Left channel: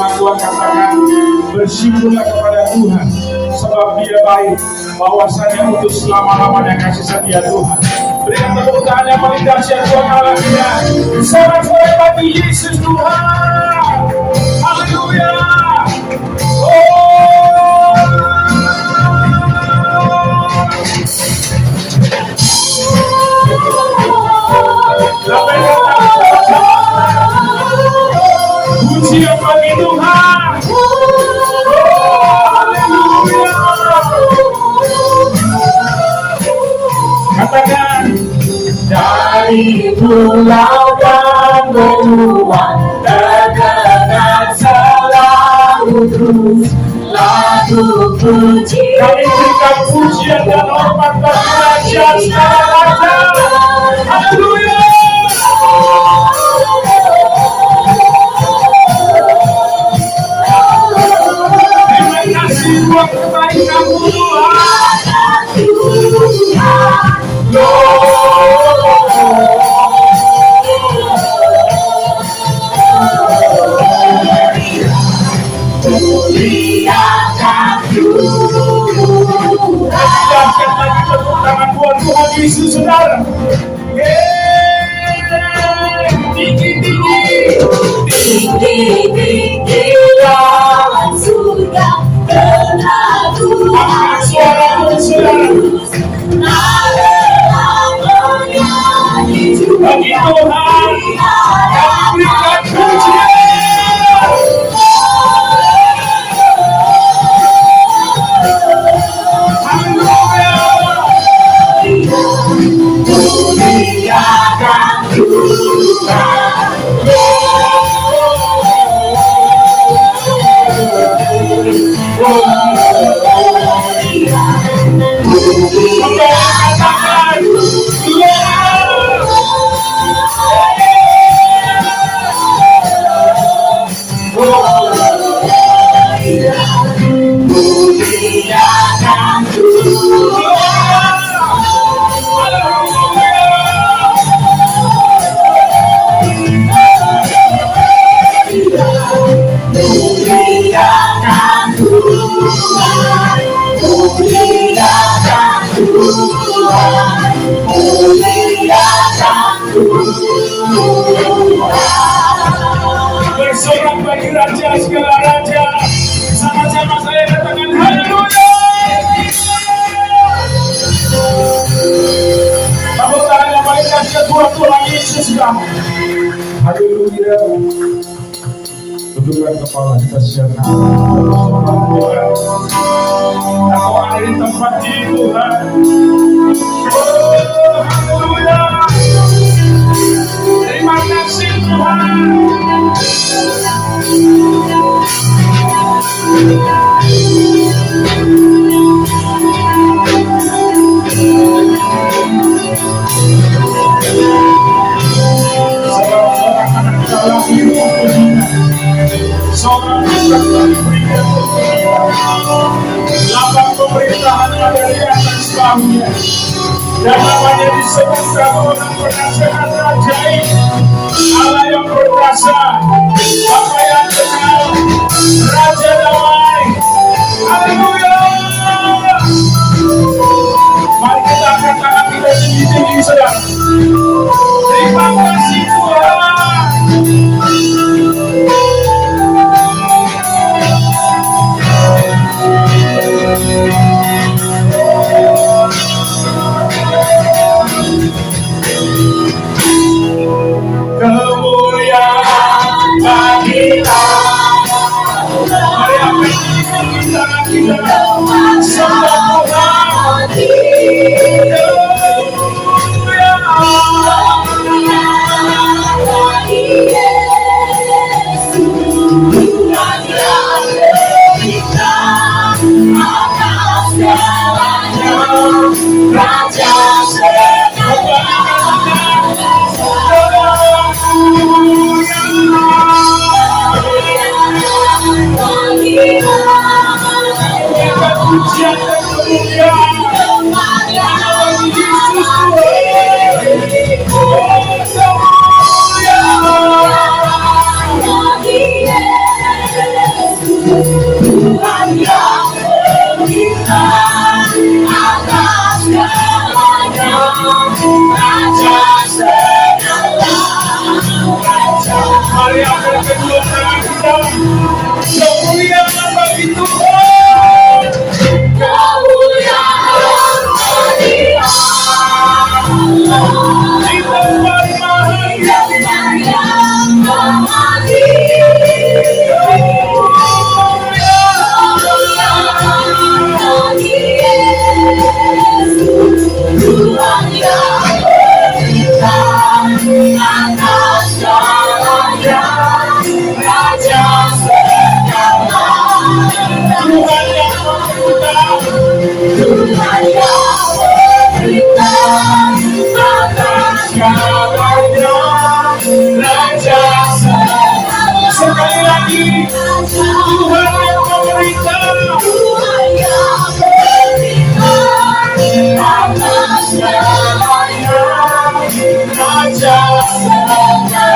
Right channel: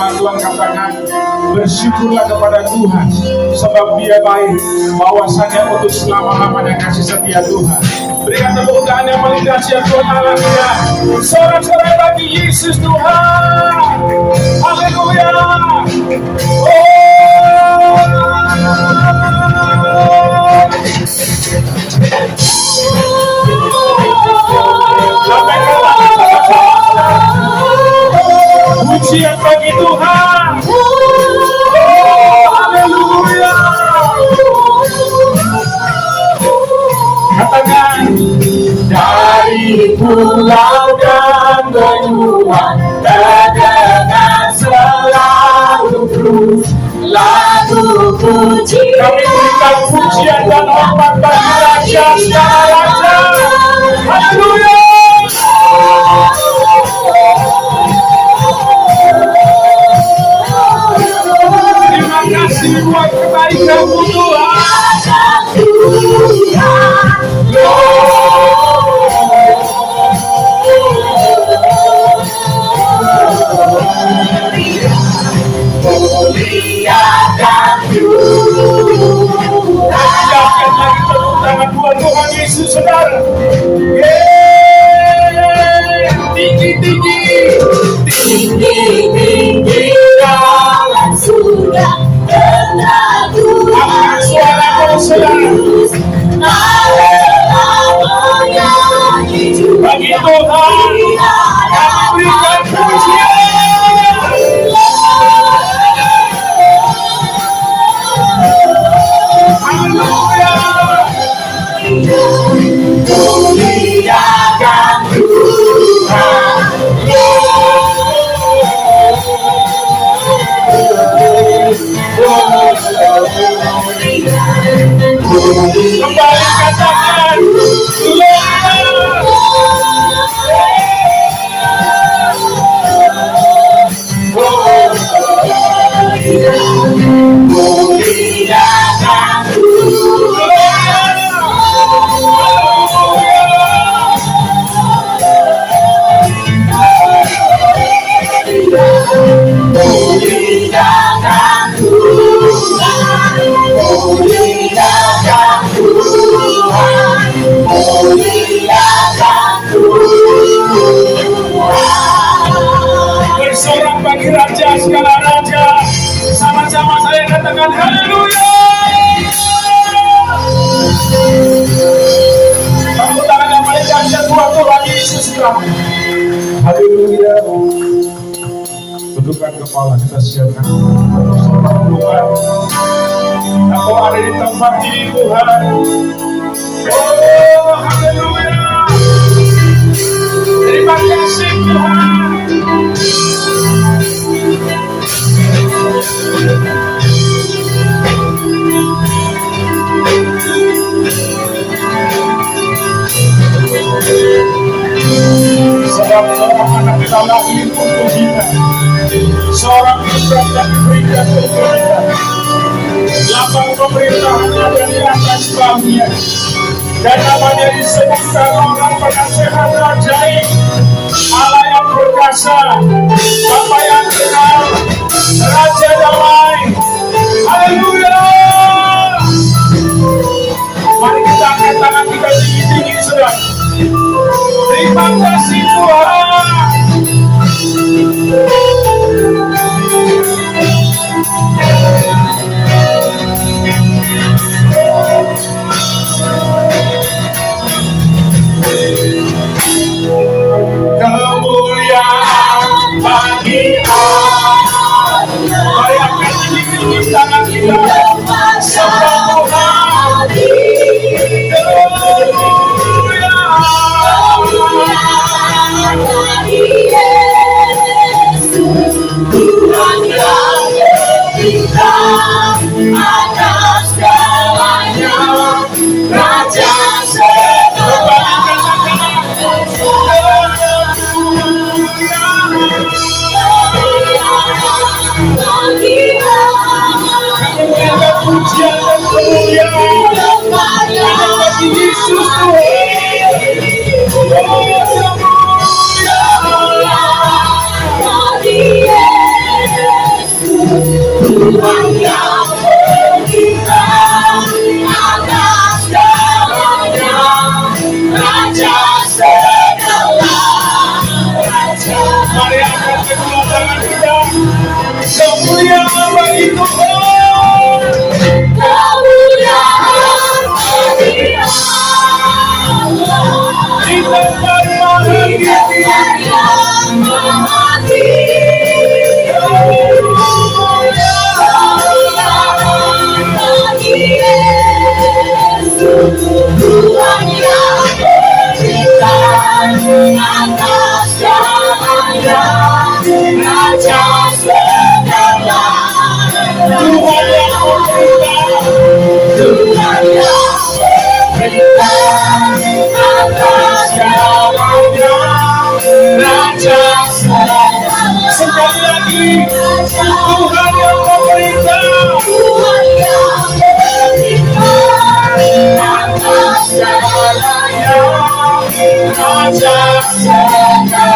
firman Tuhan katakan, bersyukurlah kepada Tuhan sebab Dia baik, bahwasanya untuk selama-lamanya kasih setia Tuhan. Berikan tepuk tangan yang paling dahsyat Tuhan Allah kita. Sorak-sorai bagi Yesus Tuhan. Haleluya. Pujian bagi Tuhan. Haleluya. Katakan, dari pulau dan benua, terdengar selalu terus lagu puji. Kami berikan pujian dan hormat bagi Raja segala raja. Haleluya. Terima kasih buat kebaikan-Mu Tuhan. Tuhan Yesus saudara. Tinggi dalam surga telah Tuhan suaraku saudara. Bagi Tuhan kami berikan pujian. Kembali katakan, bersorak bagi Raja segala raja. Sama-sama saya katakan haleluya. Tepuk tangan yang paling dahsyat buat Tuhan Yesus kami. Haleluya. Tundukkan kepala kita siapkan. Tuhan, Engkau ada di tempat ini Tuhan. Oh, haleluya. Terima kasih Tuhan. Sebab seorang anak kita lahir untuk kita, seorang budak dan diberikan untuk kita. Lapang pemerintahannya dari atas bangnya, dan namanya disebutkan orang penasehat ajaib, Allah yang perkasa, Bapa yang kenal, Raja damai. Haleluya. Mari kita angkat tangan kita tinggi-tinggi saudara. Terima kasih Tuhan. Kemuliaan bagi Allah. Mari angkat tinggi-tinggi tangan kita. Sembah Tuhan. Pujian dan kemuliaan bagi Yesus Tuhan. Tuhan yang berikan atas segalanya, Raja segala raja. Mari angkat kedua tangan kita. Kemuliaan bagi Tuhan. Kemuliaan bagi Allah. Di tempat Yang menghati. Tuhan yang berikan atas segalanya, Raja segala Tuhan yang memberikan. Tuhan yang berikan atas segalanya, Raja segala. Sekali lagi, Tuhan yang memberikan. Tuhan yang berikan atas segalanya, Raja segala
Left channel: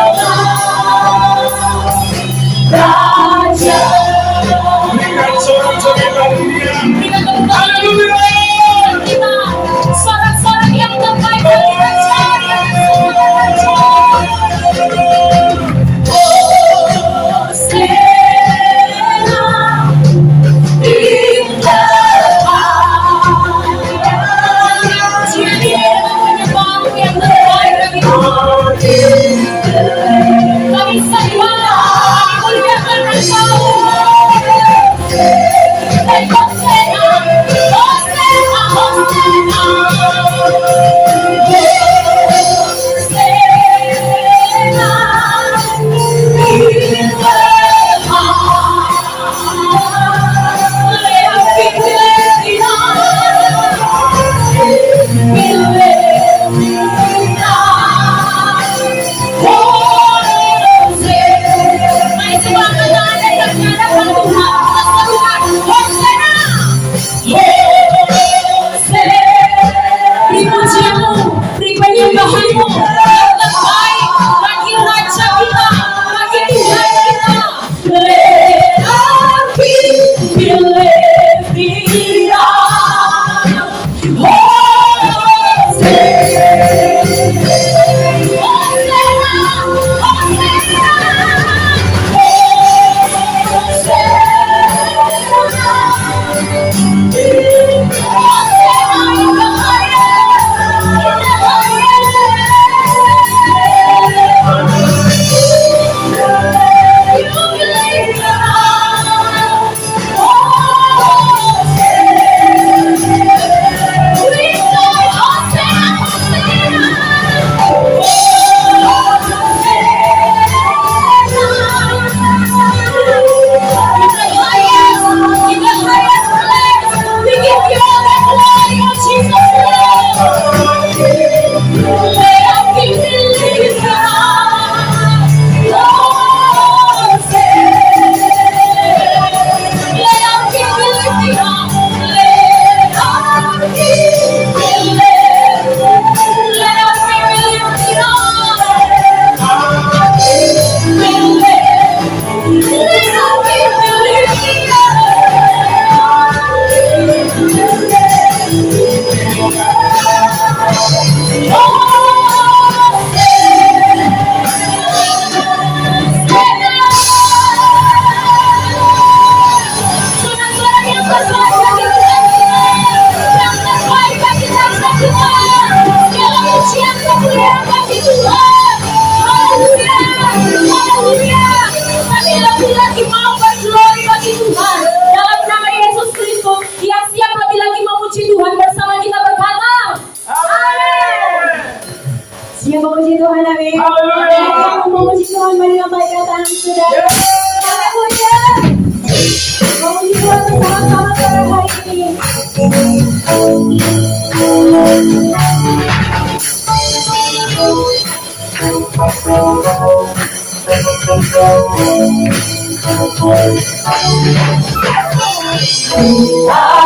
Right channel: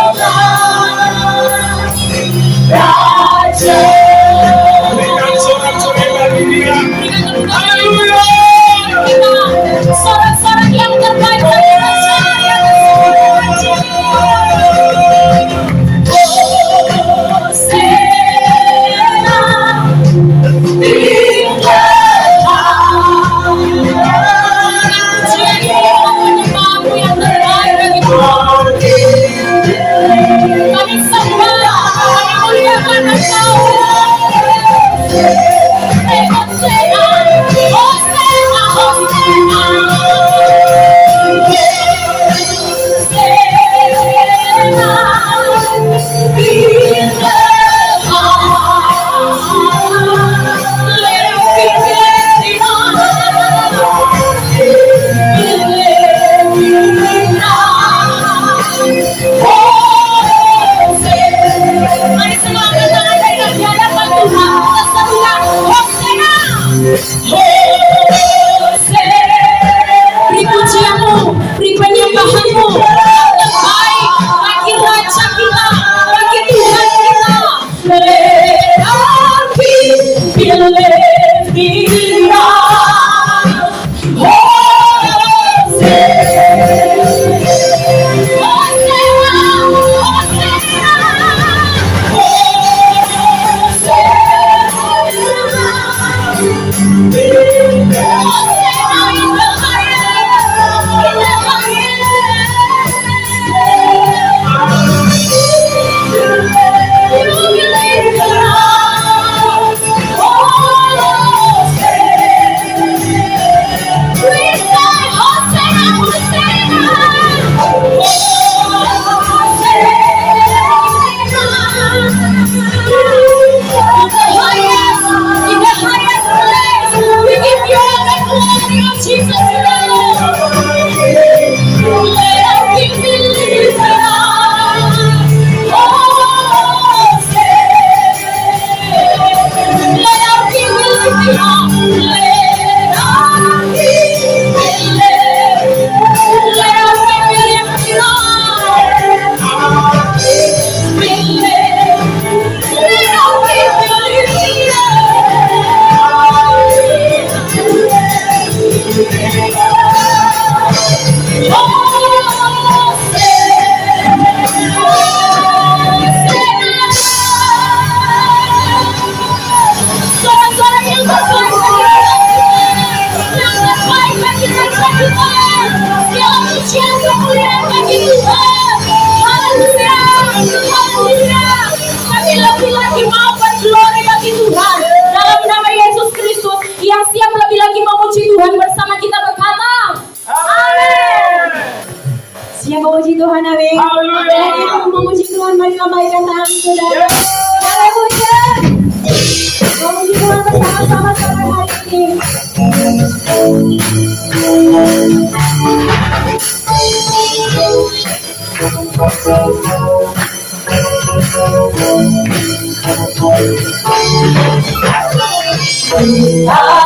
raja. Berikan sorak-sorai bagi Dia. Haleluya. Sorak-sorak yang terbaik bagi Raja. Beri pujianmu, beri penyembahanmu yang baik bagi Raja kita, bagi Tuhan kita. Lelaki pilih Dia, lagi mau berglori bagi Tuhan dalam nama Yesus Kristus. Yang siap lebih lagi memuji Tuhan bersama kita berkata, amin. Siap memuji Tuhan, amin. Haleluya. Yang mau memuji Tuhan, mari lambaikan tangan saudara. Haleluya. Memuji Tuhan bersama-sama sore hari ini.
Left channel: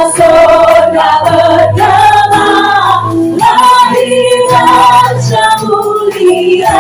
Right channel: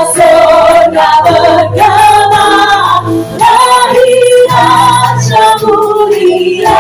Surga bergema, lahir Raja mulia.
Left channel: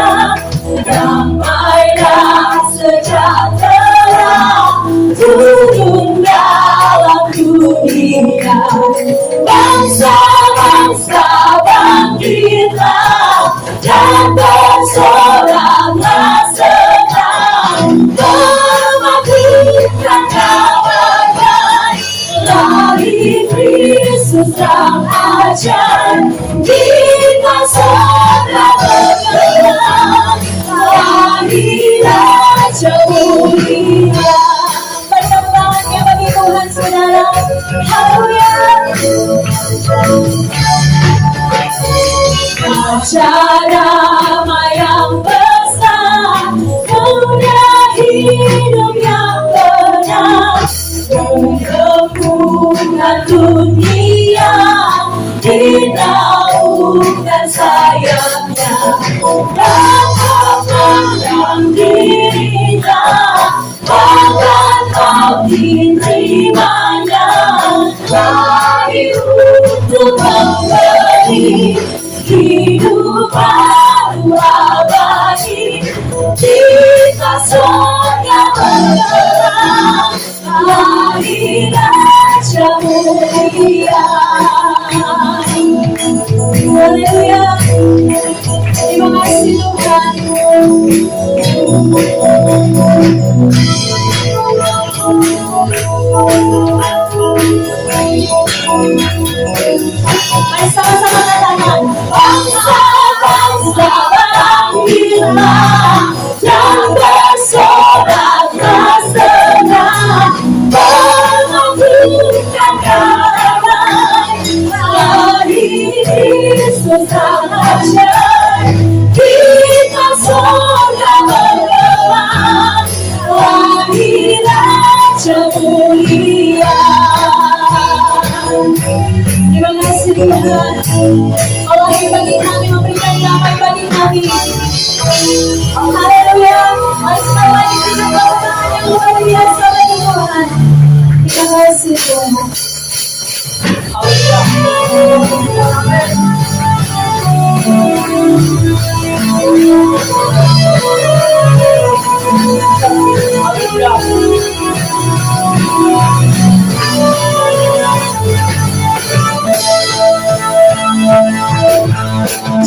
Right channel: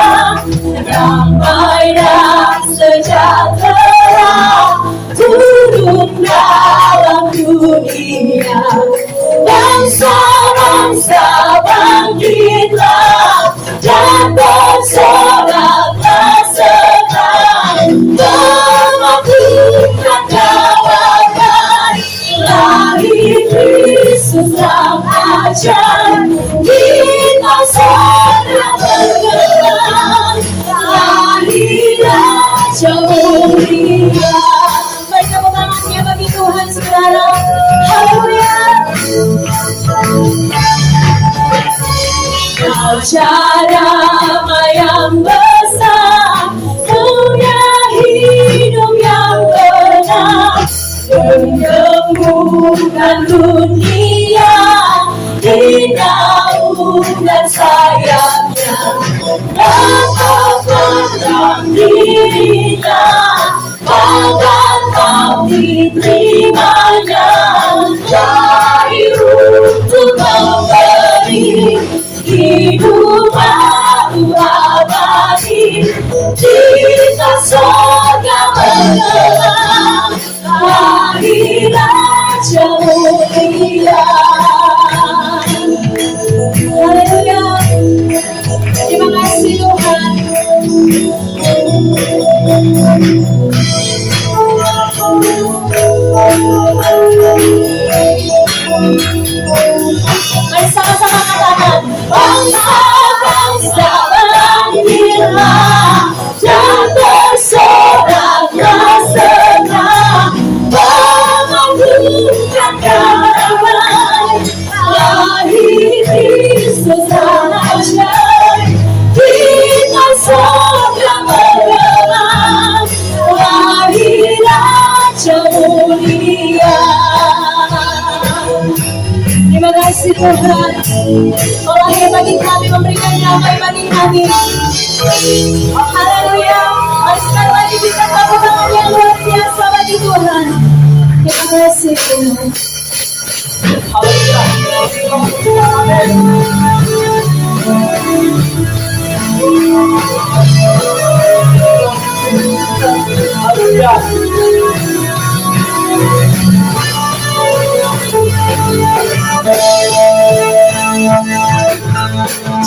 Yesus sang ajar, kita segera bergerak, hari Raja mulia. Beri tepuk tangannya bagi Tuhan, saudara. Haleluya. Raja damai yang besar, punya hidup yang benar, menggembungkan dunia di naungan sayapnya, dan memandang dirinya agar kau diterimanya, lahir untuk memberi hidup baru abadi. Kita surga bergerak, hari Raja mulia. Haleluya. Terima kasih Tuhan. Mari sama-sama katakan, bangsa-bangsa bangkitlah dan bersoraklah senang, mengagungkan damai, lahir Kristus sang ajar. Kita surga bergerak, lahir Raja mulia. Terima kasih Tuhan, Allah yang bagi kami, memberikan damai bagi kami. Haleluya. Mari sekali lagi kita tepuk tangan yang luar biasa bagi Tuhan. Terima kasih Tuhan.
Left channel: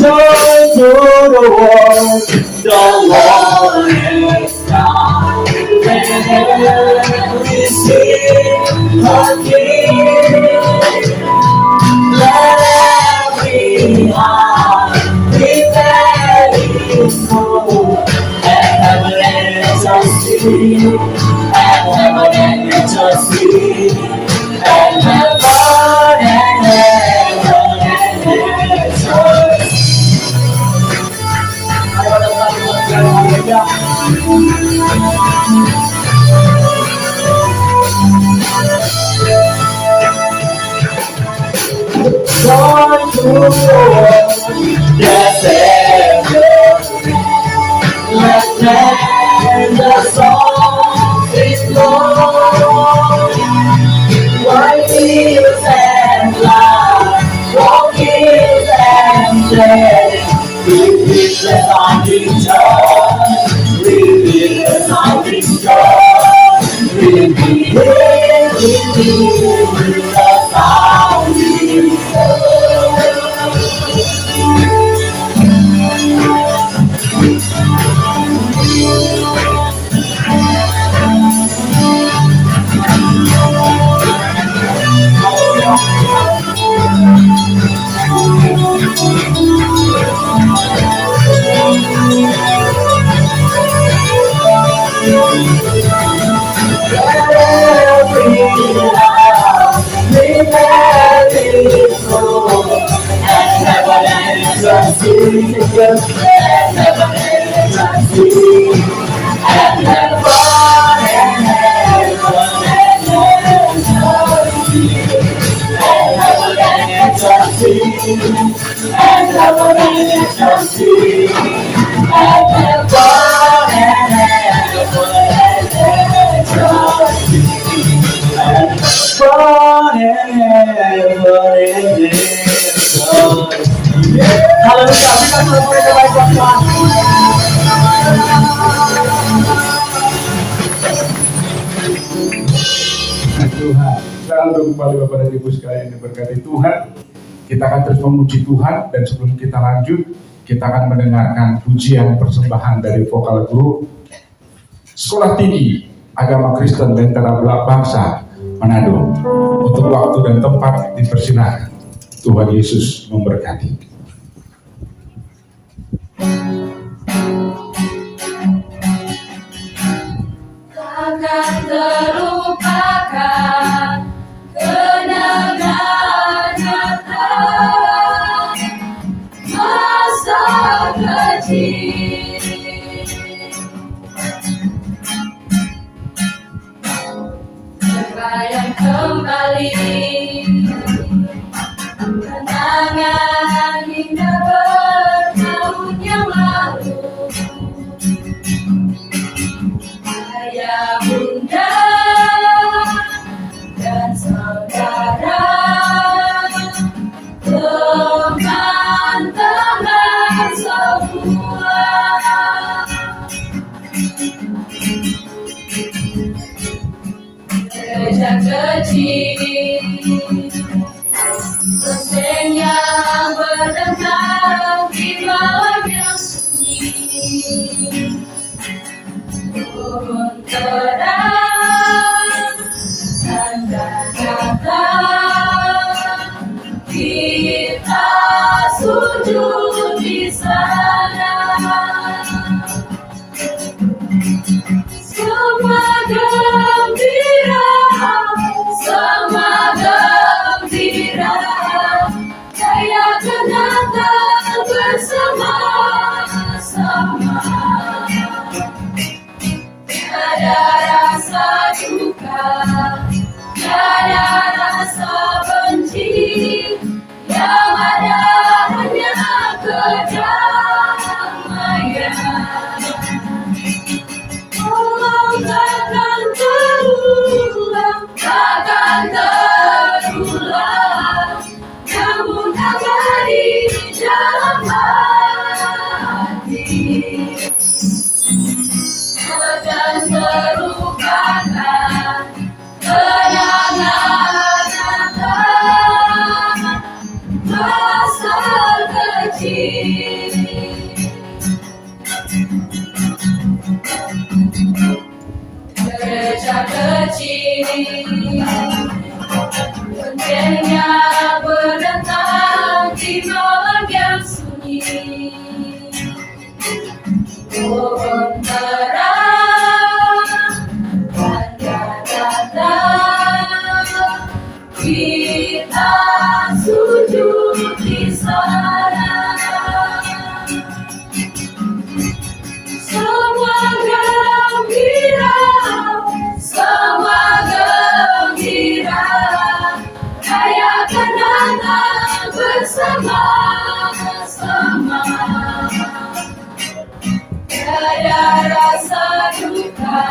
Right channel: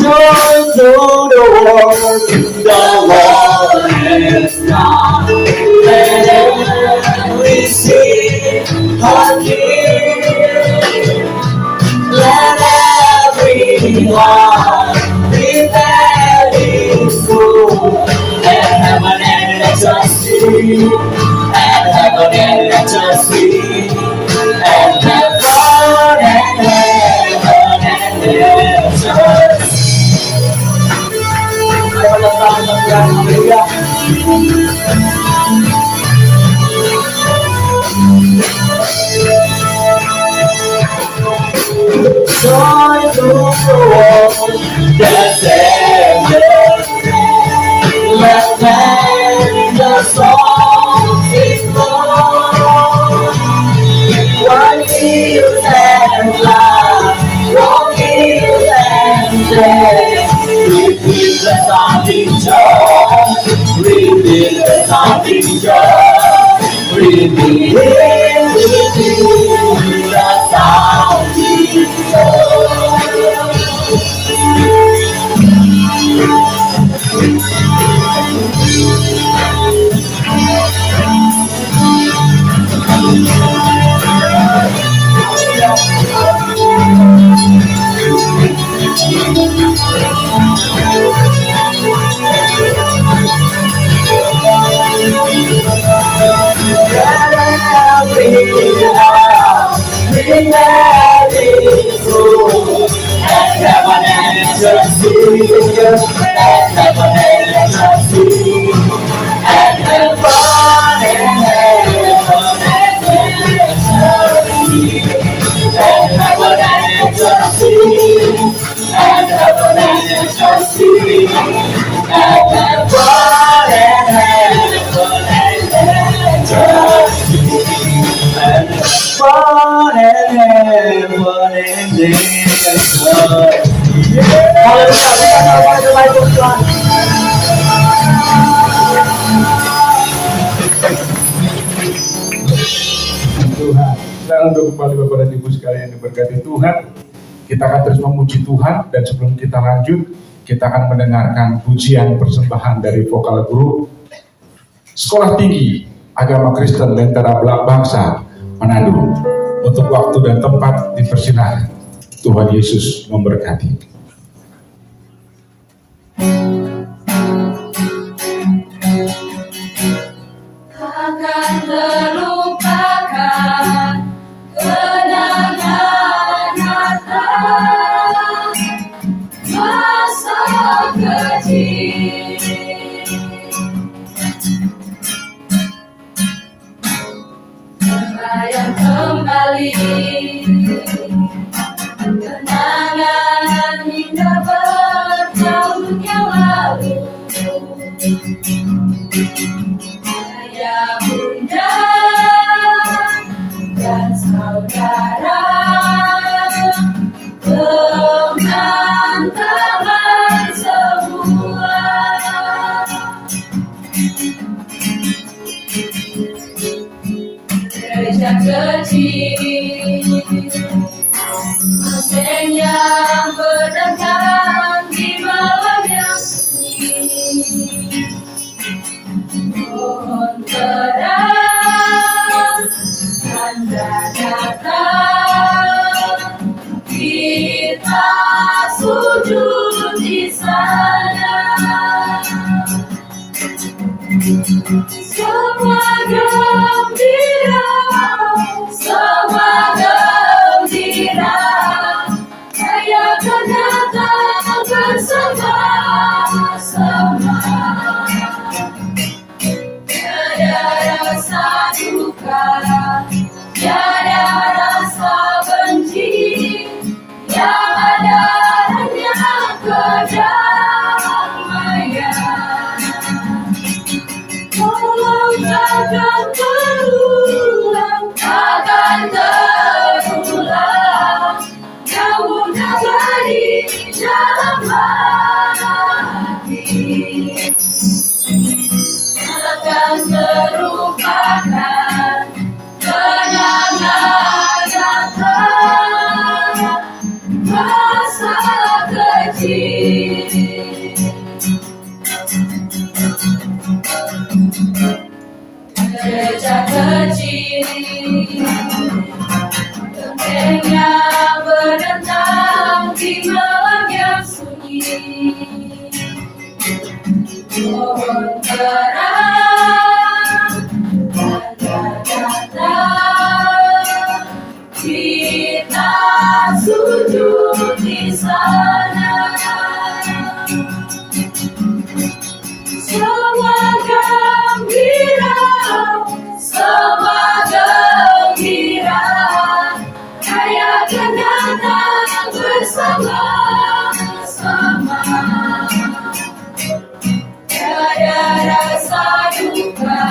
Join to the world, the Lord is God. Let every sing her King. Let every heart prepare His soul. And heaven and earth shall sing, and heaven and earth shall sing, and heaven and earth shall sing. Joy to the world, the Savior. Let them the song is born. While hills and clouds, walk hills and dead, reveal the sounding joy, reveal the sounding joy, reveal the sounding Tuhan. Sekarang untuk kembali Bapak dan Ibu sekalian yang diberkati Tuhan, kita akan terus memuji Tuhan, dan sebelum kita lanjut, kita akan mendengarkan pujian persembahan dari vokal grup Sekolah Tinggi Agama Kristen Lentera Belak Bangsa Manado. Untuk waktu dan tempat dipersilakan. Tuhan Yesus memberkati. Takkan terlupakan kenangan Natal masa kecil. Terbayang kembali kenangan indah bertahun yang lalu. Ayah, bunda, dan saudara, teman-teman semua. Gereja kecil, loteng yang berdentang di malam yang sunyi. Pohon terang, tanda datang, kita sujud di sana. Semua gembira, rayakan Natal bersama-sama. Tiada rasa duka, tiada rasa benci, yang ada hanya kedamaian. Tolong takkan terulang, namun abadi dalam hati. Takkan terlupakan kenangan Natal masa kecil. Gereja kecil, loncengnya berdentang di malam yang sunyi. Pohon terang, tanda datang, kita sujud di sana. Semua gembira, rayakan Natal bersama-sama. Tiada rasa duka,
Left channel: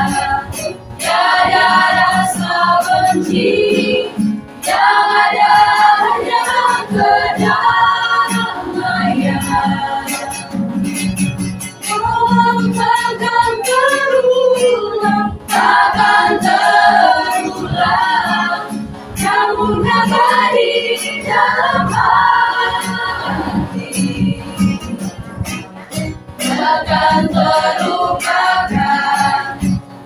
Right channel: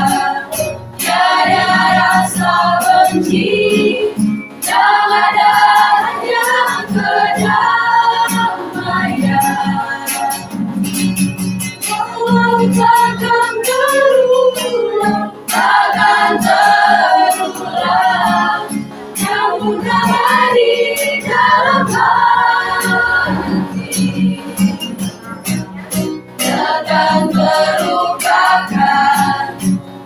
tiada rasa benci, yang ada hanya kedamaian. Oh, takkan terulang, namun abadi dalam hati. Takkan terlupakan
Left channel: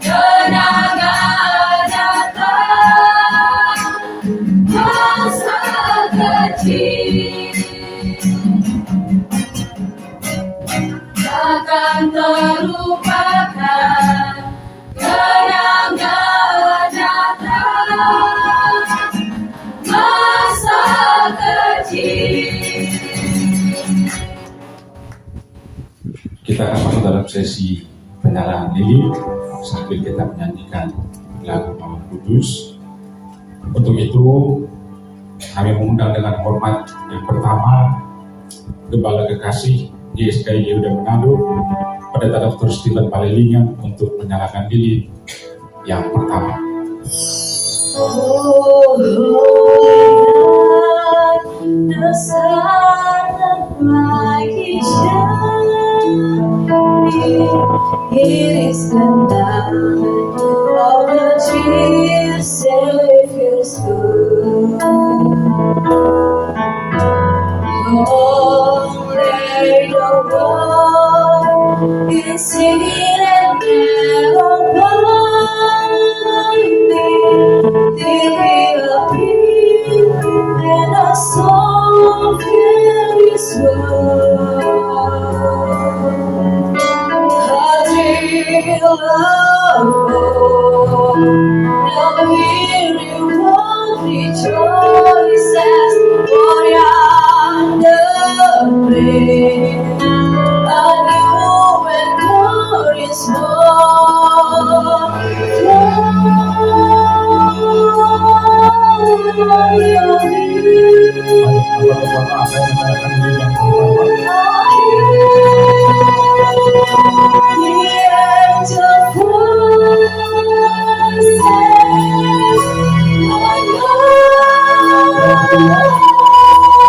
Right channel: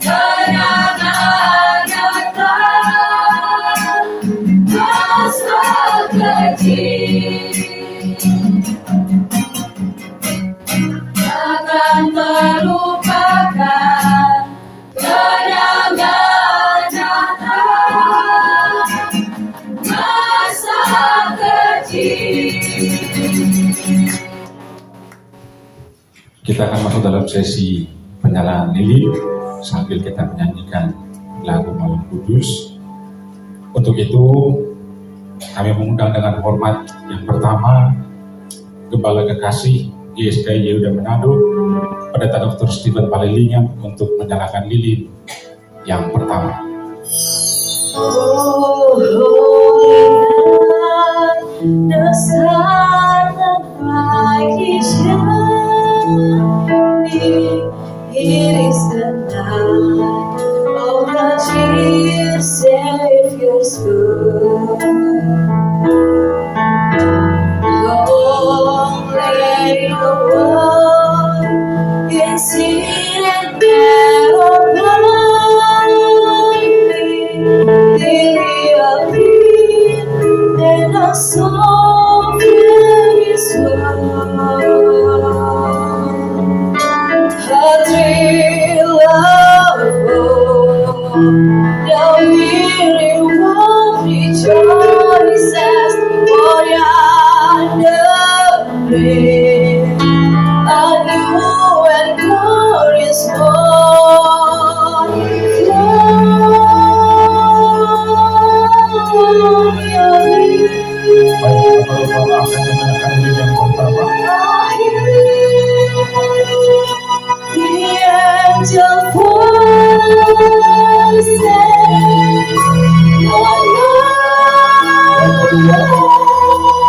kenangan Natal masa kecil. Takkan terlupakan kenangan Natal masa kecil. Kita akan masuk dalam sesi penyalaan lilin sambil kita menyanyikan lagu Malam Kudus. Untuk itu kami mengundang dengan hormat yang pertama Gembala Kekasih GSKI Yehuda Manado, Pendeta Dr. Stephen Palelingan untuk menyalakan lilin yang pertama. Oh, the sun that brightly shining, it is the night of the dear Savior's birth. Long lay the world in sin and never blinding. The weary world rejoices, for yonder breaks a new and glorious morn.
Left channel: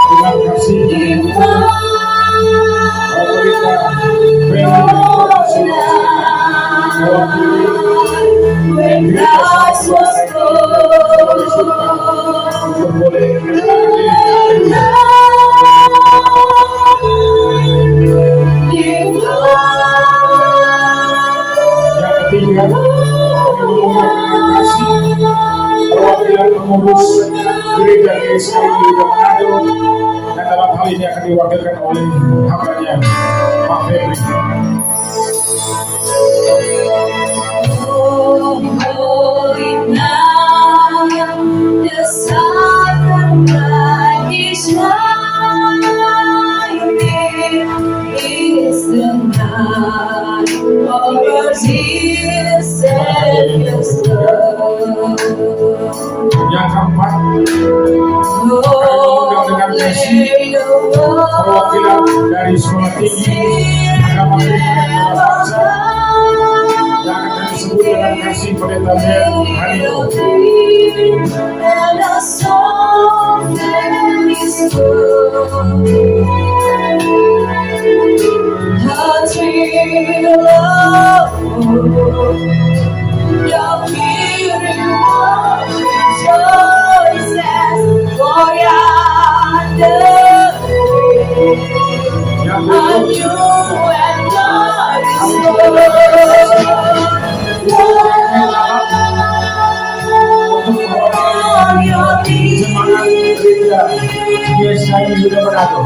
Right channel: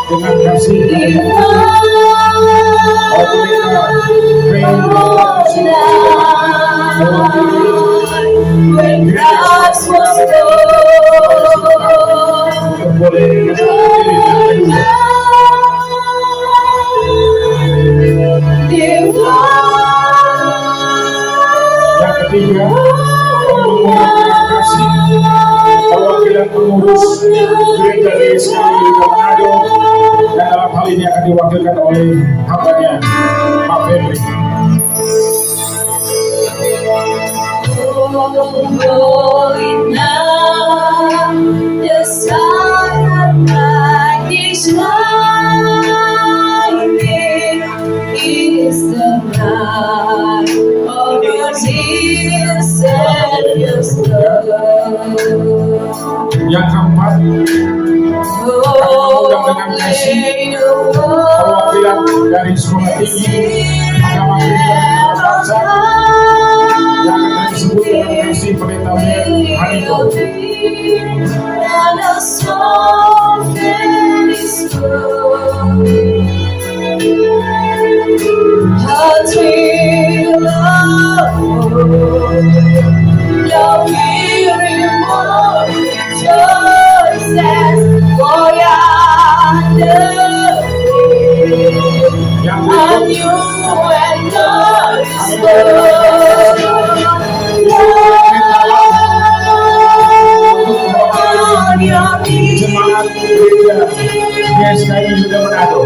Dengan kasih When Christ was yang ketiga, kasih perwakilan pengurus gereja GSKI di Manado, dan dalam hal ini akan diwakilkan oleh hambanya Pak Febri. Yang keempat, dengan kasih perwakilan dari sekolah tinggi Agama Kristen Bangsa yang akan disebut dengan kasih Pendeta Ben Haniko. Jemaat gereja GSKI sudah Manado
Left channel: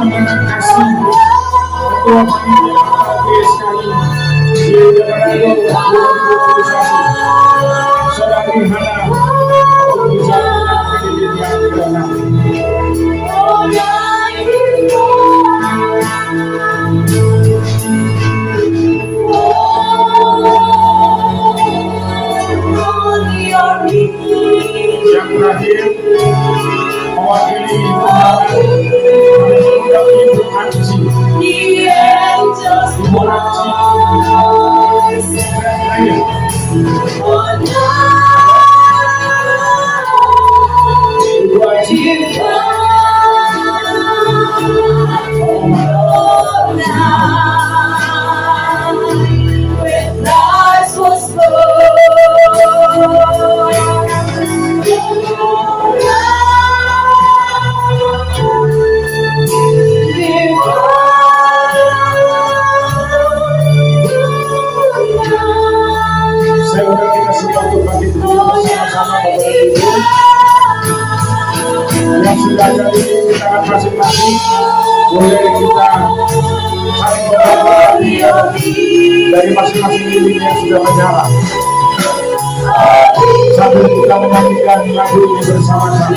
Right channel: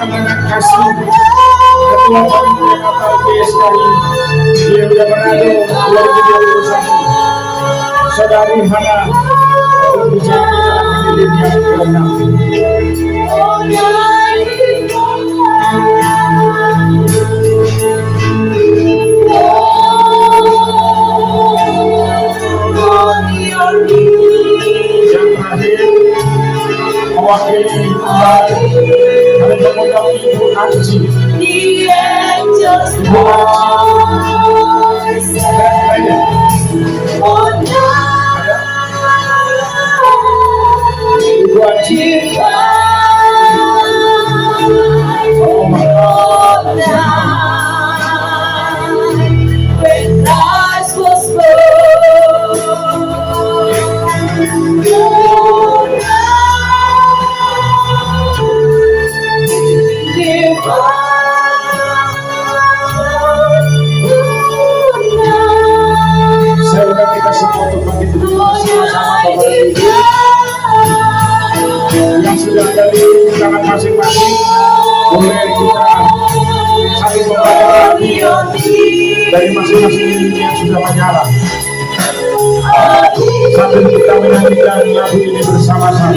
dengan kasih Ketua Panitia Natal GSKI Gereja Manado 2021, Saudari Hana, untuk bicara pendidikan kelengkapan. Yang terakhir, mewakili undangan pada mengundang Ibu Anji. Ibu Anji dan lainnya. Ibu Anji. Oh my God. Saya undang kita semua untuk bangkit berdiri bersama-sama Bapak Ibu yang sudah ada di lingkaran masing-masing. Boleh kita saling berhati dari masing-masing diri yang sudah menyala. Sambil kita menyanyikan lagu ini bersama-sama.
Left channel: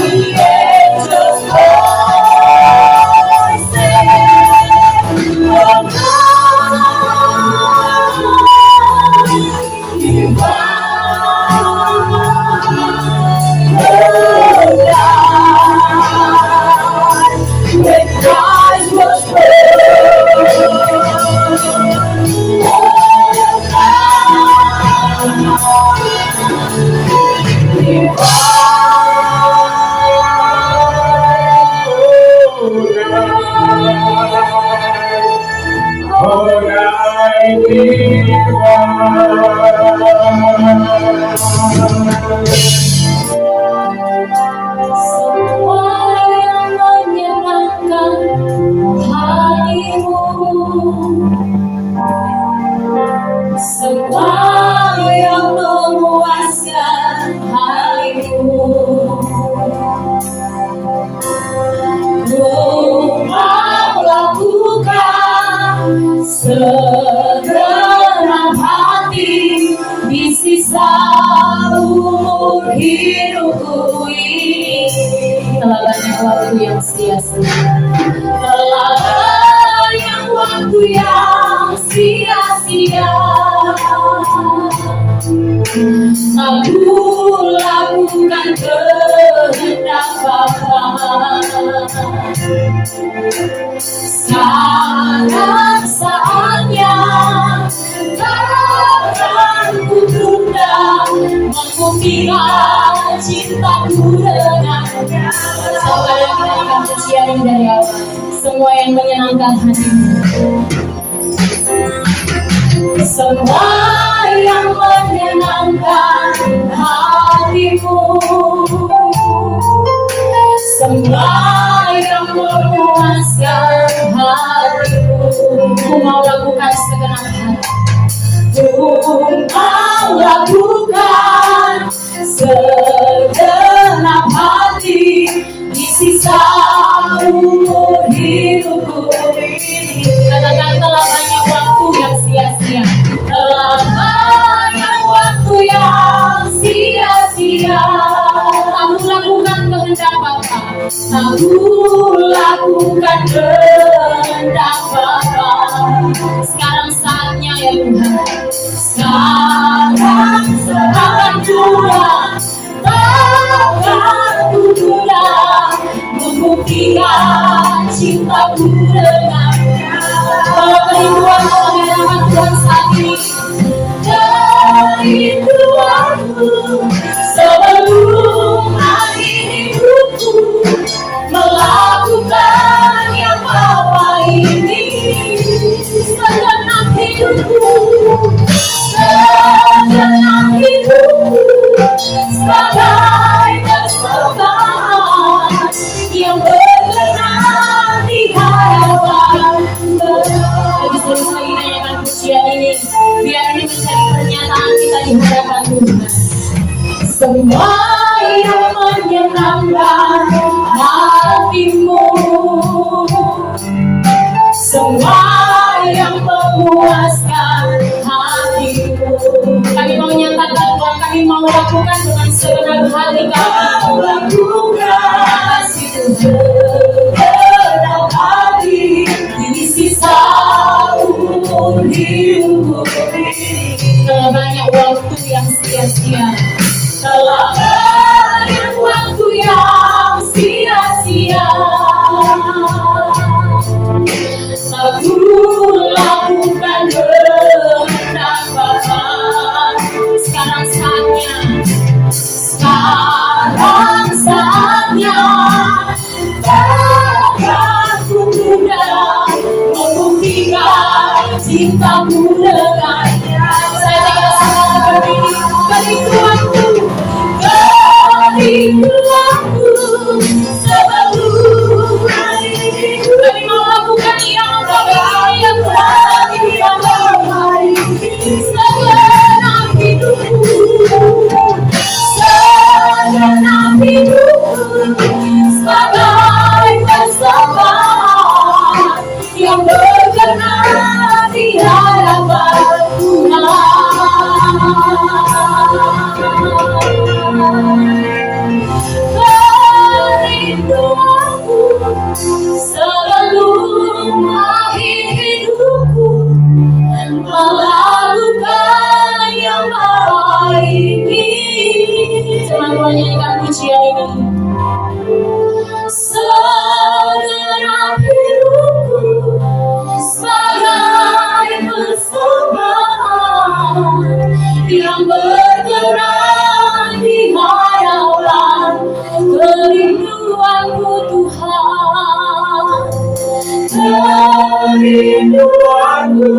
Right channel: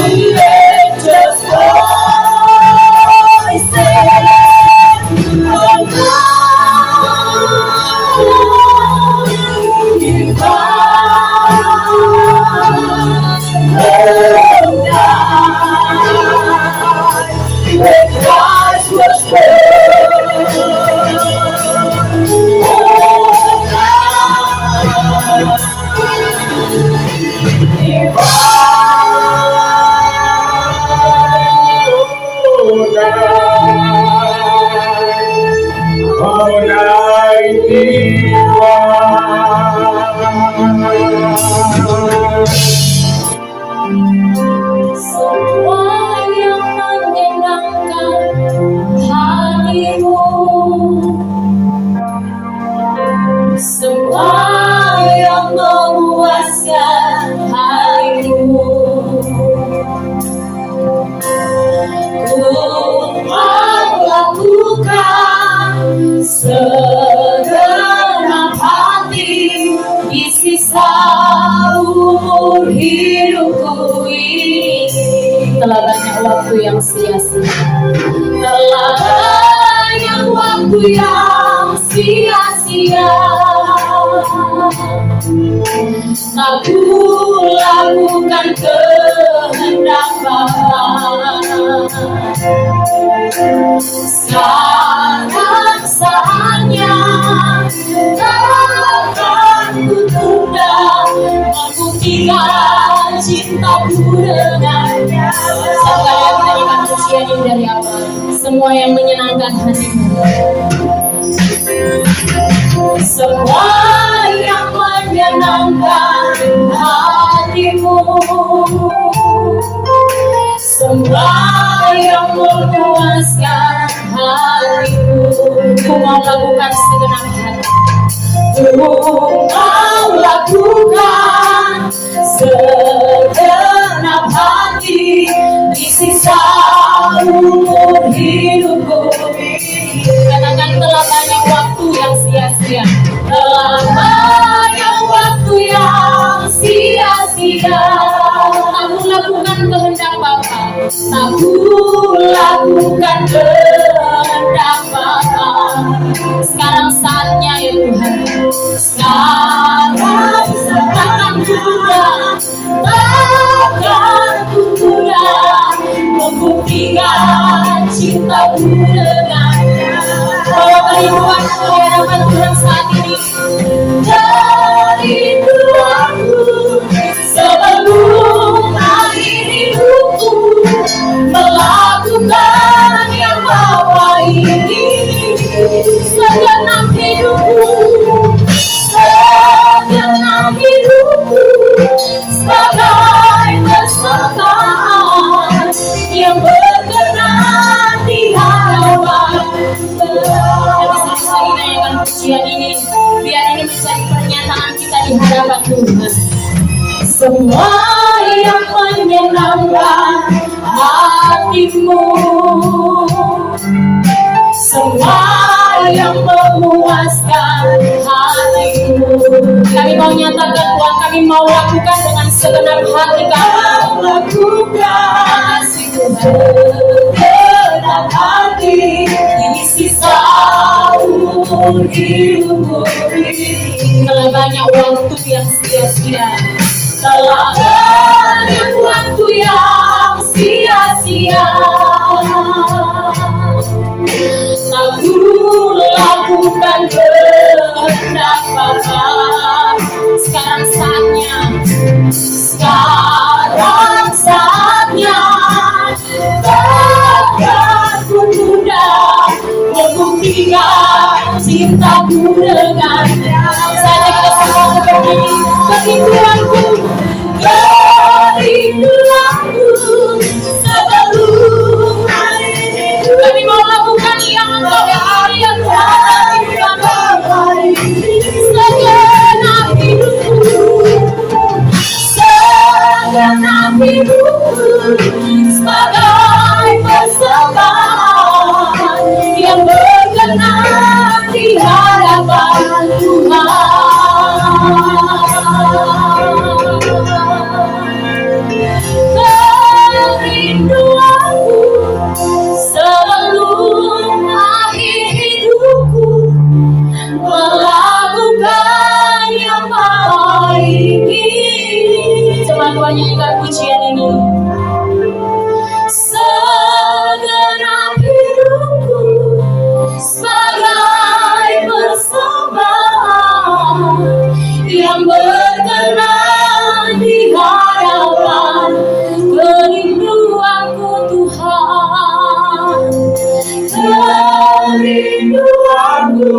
waktu yang sia-sia. Telah banyak waktu yang sia-sia. Aku lakukan kehendak Bapa. Sekarang saatnya takkan ku tunda membuktikan cintaku dengannya. Sekali lagi nyanyikan pujian ini dari awal. Semua yang menyenangkan hatimu. Semua yang menyenangkan hatimu. Semua yang memuaskan hatimu. Ku mau lakukan segenap hati. Ku mau lakukan segenap hati di sisa umur hidupku. Katakan telah banyak waktu yang sia-sia. Telah banyak waktu yang sia-sia. Aku lakukan kehendak Bapa. Aku lakukan kehendak Bapa. Sekarang saatnya ya Tuhan. Sekarang takkan tunda membuktikan cintaku dengannya. Kalau kerinduanmu menyenangkan Tuhan saat ini, kerinduanku sebelum akhir hidupku melakukan yang Bapa ini. Segenap hidupku sebagai persembahan yang berkenan di hadapan Tuhan. Lebih serius lagi nyanyikan pujian ini, biar ini menjadi pernyataan kita di hadapan Tuhan. Semua yang menyenangkan hatimu, semua yang memuaskan hatimu. Kami mau nyatakan Tuhan, kami mau lakukan dengan segenap hati kami. Lakukan segenap hati ini sisa umur hidupku. Telah banyak waktu yang sia-sia. Telah banyak waktu yang sia-sia. Aku lakukan kehendak Bapa. Sekarang saatnya takkan ku tunda membuktikan cintaku dengannya. Saatnya kita semua bernyanyi. Kerinduanku sebelum hari kami mau lakukan yang Bapa yang segenap hidupku sebagai persembahan yang berkenan di hadapan Kerinduanku sebelum akhir hidupku melakukan yang baik ini. Coba kau nyanyikan pujian ini. Segenap hidupku sebagai persembahan yang berkenan di hadapan kerinduanku Tuhan. Kerinduanku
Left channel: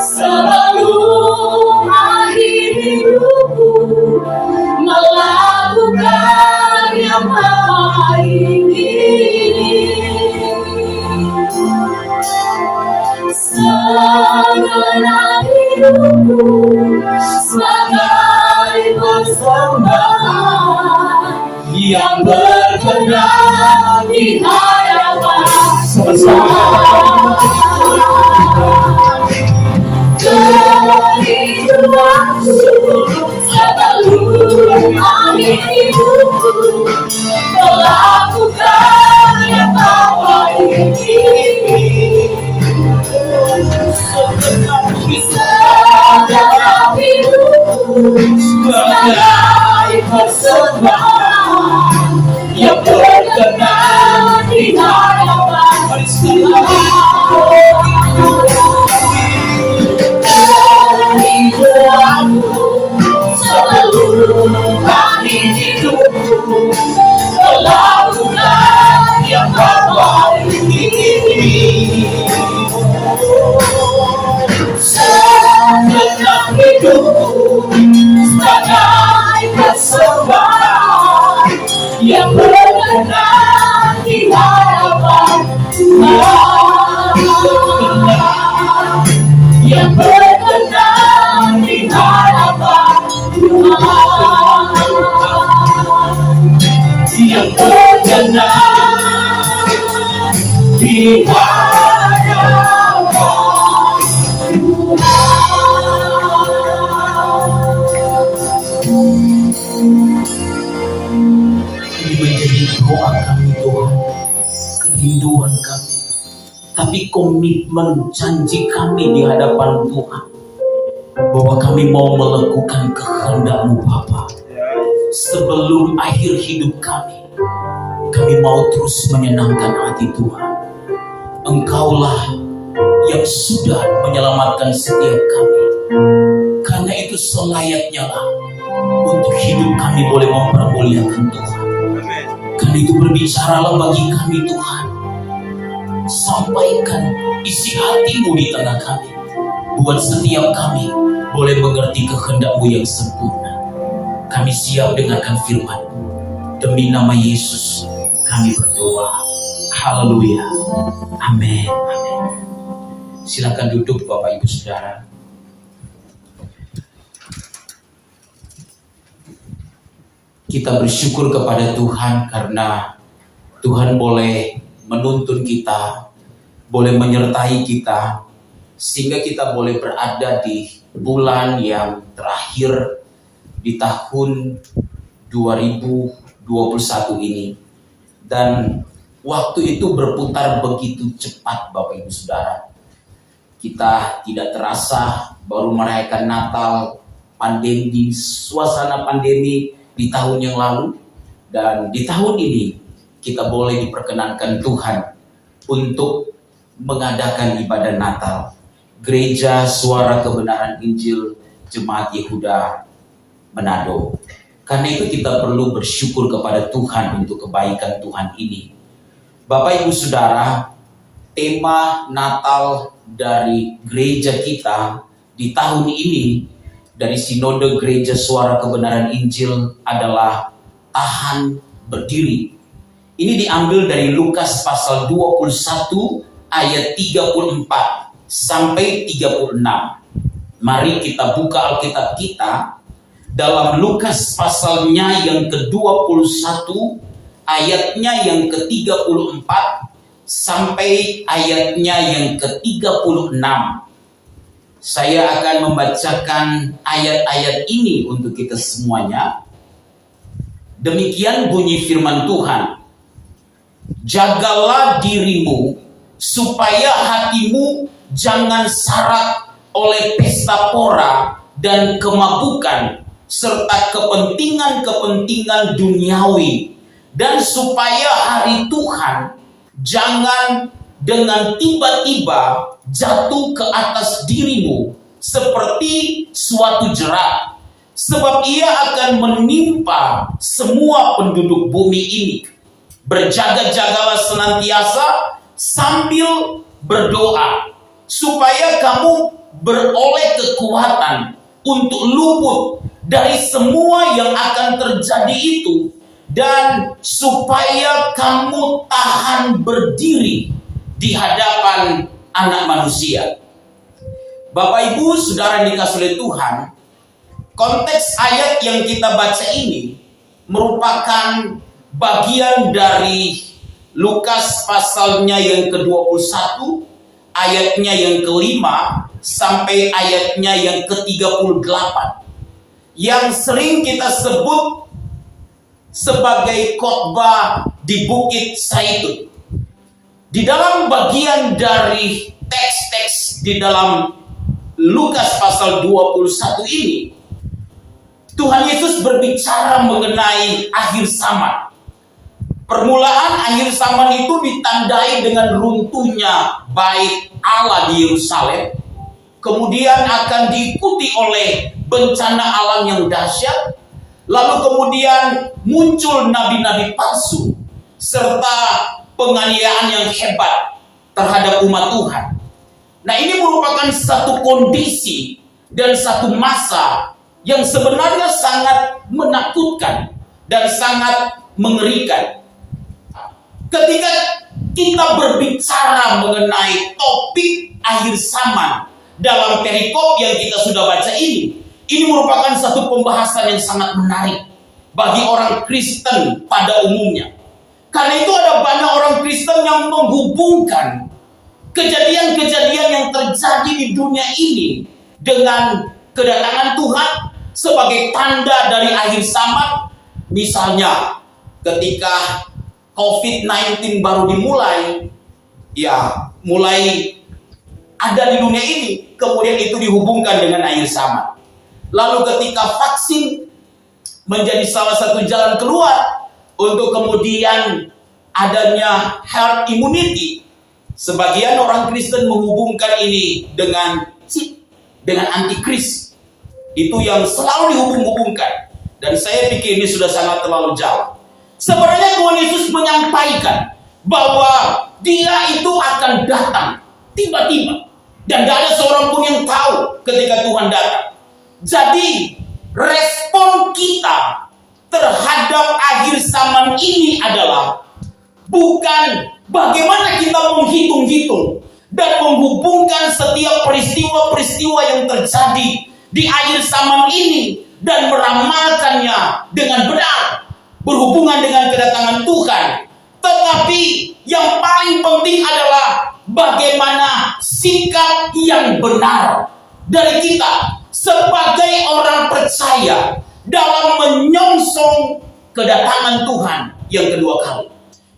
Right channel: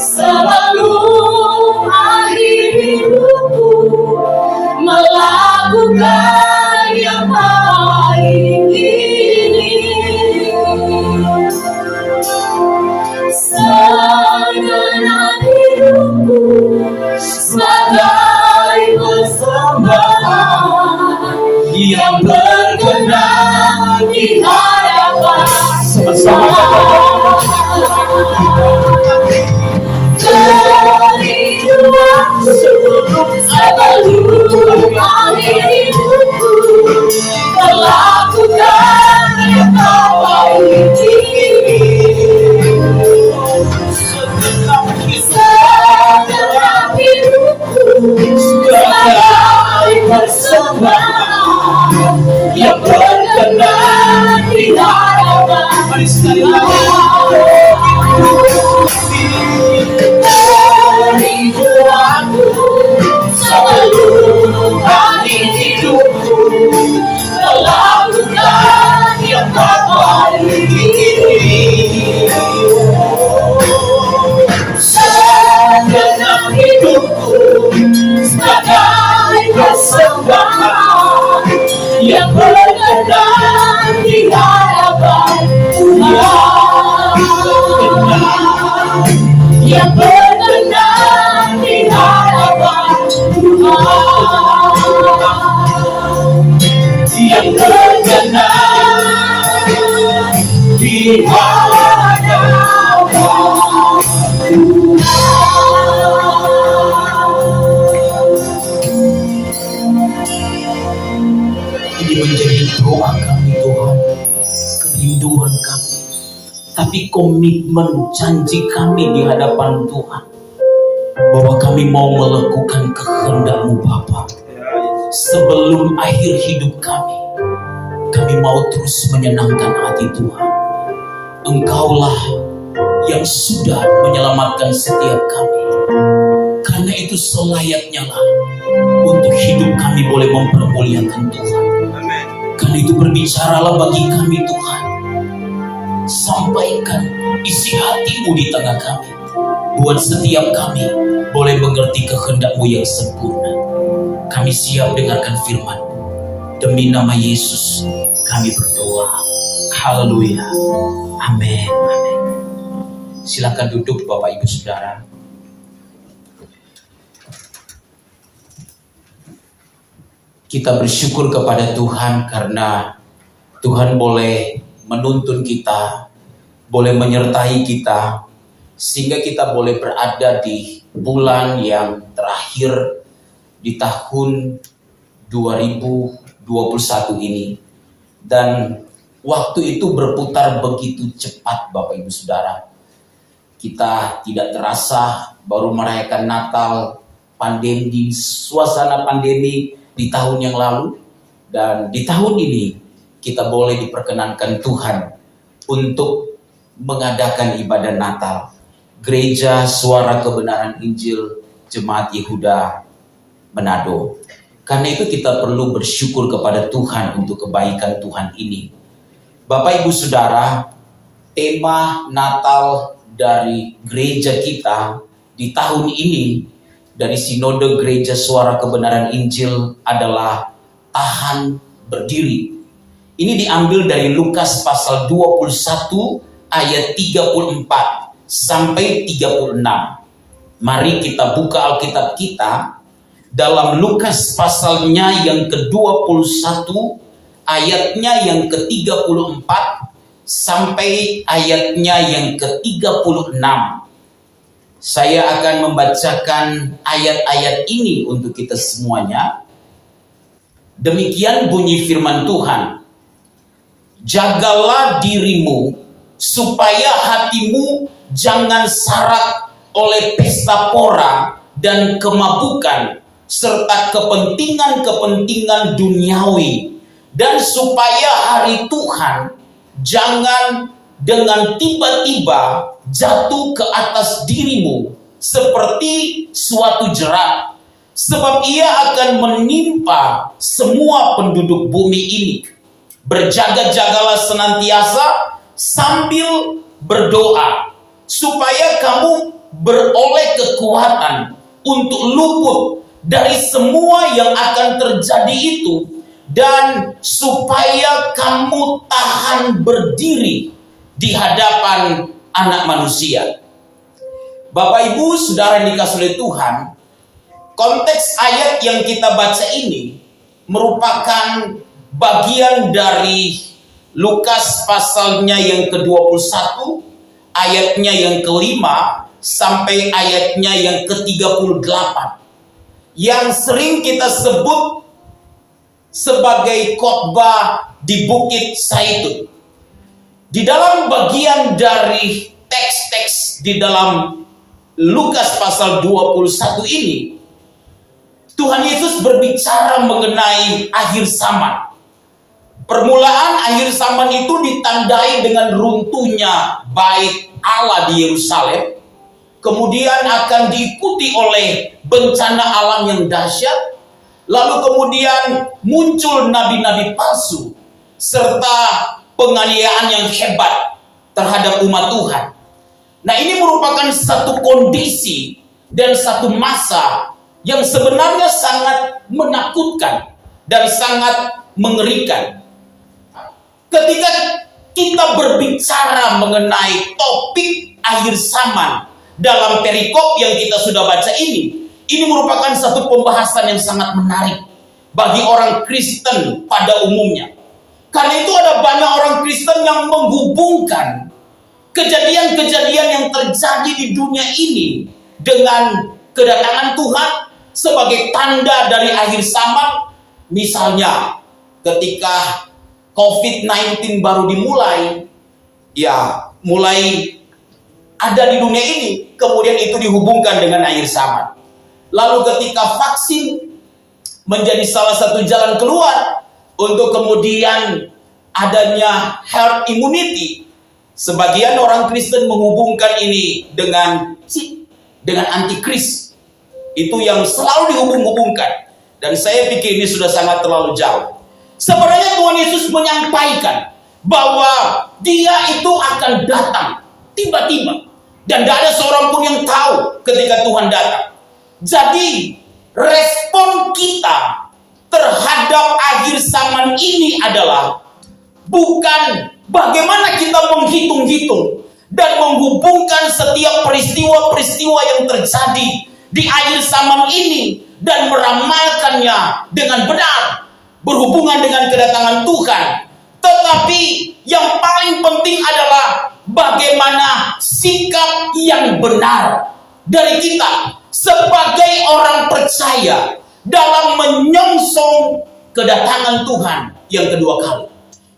sebelum akhir hidupku melakukan yang baik ini. Segenap hidupku sebagai persembahan yang berkenan di hadapan kerinduanku sebelum akhir hidupku melakukan yang berkenan di hadapan Tuhan, yang berkenan di hadapan Ini menjadi doa kami Tuhan, kerinduan kami, tapi komitmen janji kami di hadapan Tuhan, bahwa kami mau melakukan kehendak-Mu Bapa. Sebelum akhir hidup kami mau terus menyenangkan hati Tuhan. Engkaulah yang sudah menyelamatkan setiap kami. Karena itu selayaknya lah untuk hidup kami boleh mempermuliakan Tuhan. Karena itu berbicaralah bagi kami Tuhan. Sampaikan isi hati-Mu di tengah kami. Buat setiap kami boleh mengerti kehendak-Mu yang sempurna. Kami siap dengarkan firman. Demi nama Yesus kami berdoa. Haleluya. Amin. Amin. Silakan duduk Bapak Ibu Saudara. Kita bersyukur kepada Tuhan karena Tuhan boleh menuntun kita, boleh menyertai kita, sehingga kita boleh berada di bulan yang terakhir di tahun 2021 ini. Dan waktu itu berputar begitu cepat Bapak Ibu Saudara. Kita tidak terasa baru merayakan Natal, pandemi, suasana pandemi di tahun yang lalu. Dan di tahun ini kita boleh diperkenankan Tuhan untuk mengadakan ibadah Natal. Gereja Suara Kebenaran Injil Jemaat Yehuda Manado. Karena itu kita perlu bersyukur kepada Tuhan untuk kebaikan Tuhan ini. Bapak Ibu Saudara, tema Natal dari gereja kita di tahun ini dari Sinode Gereja Suara Kebenaran Injil adalah tahan berdiri. Ini diambil dari Lukas pasal 21 ayat 34 sampai 36. Mari kita buka Alkitab kita dalam Lukas pasalnya yang ke-21 ayatnya yang ke-34 sampai ayatnya yang ke-36. Saya akan membacakan ayat-ayat ini untuk kita semuanya. Demikian bunyi firman Tuhan. Jagalah dirimu supaya hatimu jangan syarat oleh pesta pora dan kemabukan serta kepentingan-kepentingan duniawi, dan supaya hari Tuhan jangan dengan tiba-tiba jatuh ke atas dirimu seperti suatu jerat, sebab ia akan menimpa semua penduduk bumi ini. Berjaga-jagalah senantiasa sambil berdoa, supaya kamu beroleh kekuatan untuk luput dari semua yang akan terjadi itu, dan supaya kamu tahan berdiri di hadapan Anak Manusia. Bapak Ibu Saudara yang dikasihi oleh Tuhan, konteks ayat yang kita baca ini merupakan bagian dari Lukas pasalnya yang ke-21 ayatnya yang ke-5 sampai ayatnya yang ke-38, yang sering kita sebut sebagai khotbah di Bukit Zaitun. Di dalam bagian dari teks-teks di dalam Lukas pasal 21 ini, Tuhan Yesus berbicara mengenai akhir zaman. Permulaan akhir zaman itu ditandai dengan runtuhnya bait Allah di Yerusalem. Kemudian akan diikuti oleh bencana alam yang dahsyat. Lalu kemudian muncul nabi-nabi palsu serta penganiayaan yang hebat terhadap umat Tuhan. Nah, ini merupakan satu kondisi dan satu masa yang sebenarnya sangat menakutkan dan sangat mengerikan. Ketika kita berbicara mengenai topik akhir zaman dalam perikop yang kita sudah baca ini merupakan satu pembahasan yang sangat menarik bagi orang Kristen pada umumnya. Karena itu ada banyak orang Kristen yang menghubungkan kejadian-kejadian yang terjadi di dunia ini dengan kedatangan Tuhan sebagai tanda dari akhir zaman. Misalnya ketika COVID-19 baru dimulai, ya mulai ada di dunia ini, kemudian itu dihubungkan dengan akhir zaman. Lalu ketika vaksin menjadi salah satu jalan keluar untuk kemudian adanya herd immunity, sebagian orang Kristen menghubungkan ini dengan antikris. Itu yang selalu dihubung-hubungkan. Dan saya pikir ini sudah sangat terlalu jauh. Sebenarnya Tuhan Yesus menyampaikan bahwa Dia itu akan datang tiba-tiba, dan tidak ada seorang pun yang tahu ketika Tuhan datang. Jadi respon kita terhadap akhir zaman ini adalah bukan bagaimana kita menghitung-hitung dan menghubungkan setiap peristiwa-peristiwa yang terjadi di akhir zaman ini dan meramalkannya dengan benar berhubungan dengan kedatangan Tuhan. Tetapi yang paling penting adalah bagaimana sikap yang benar dari kita sebagai orang percaya dalam menyongsong kedatangan Tuhan yang kedua kali.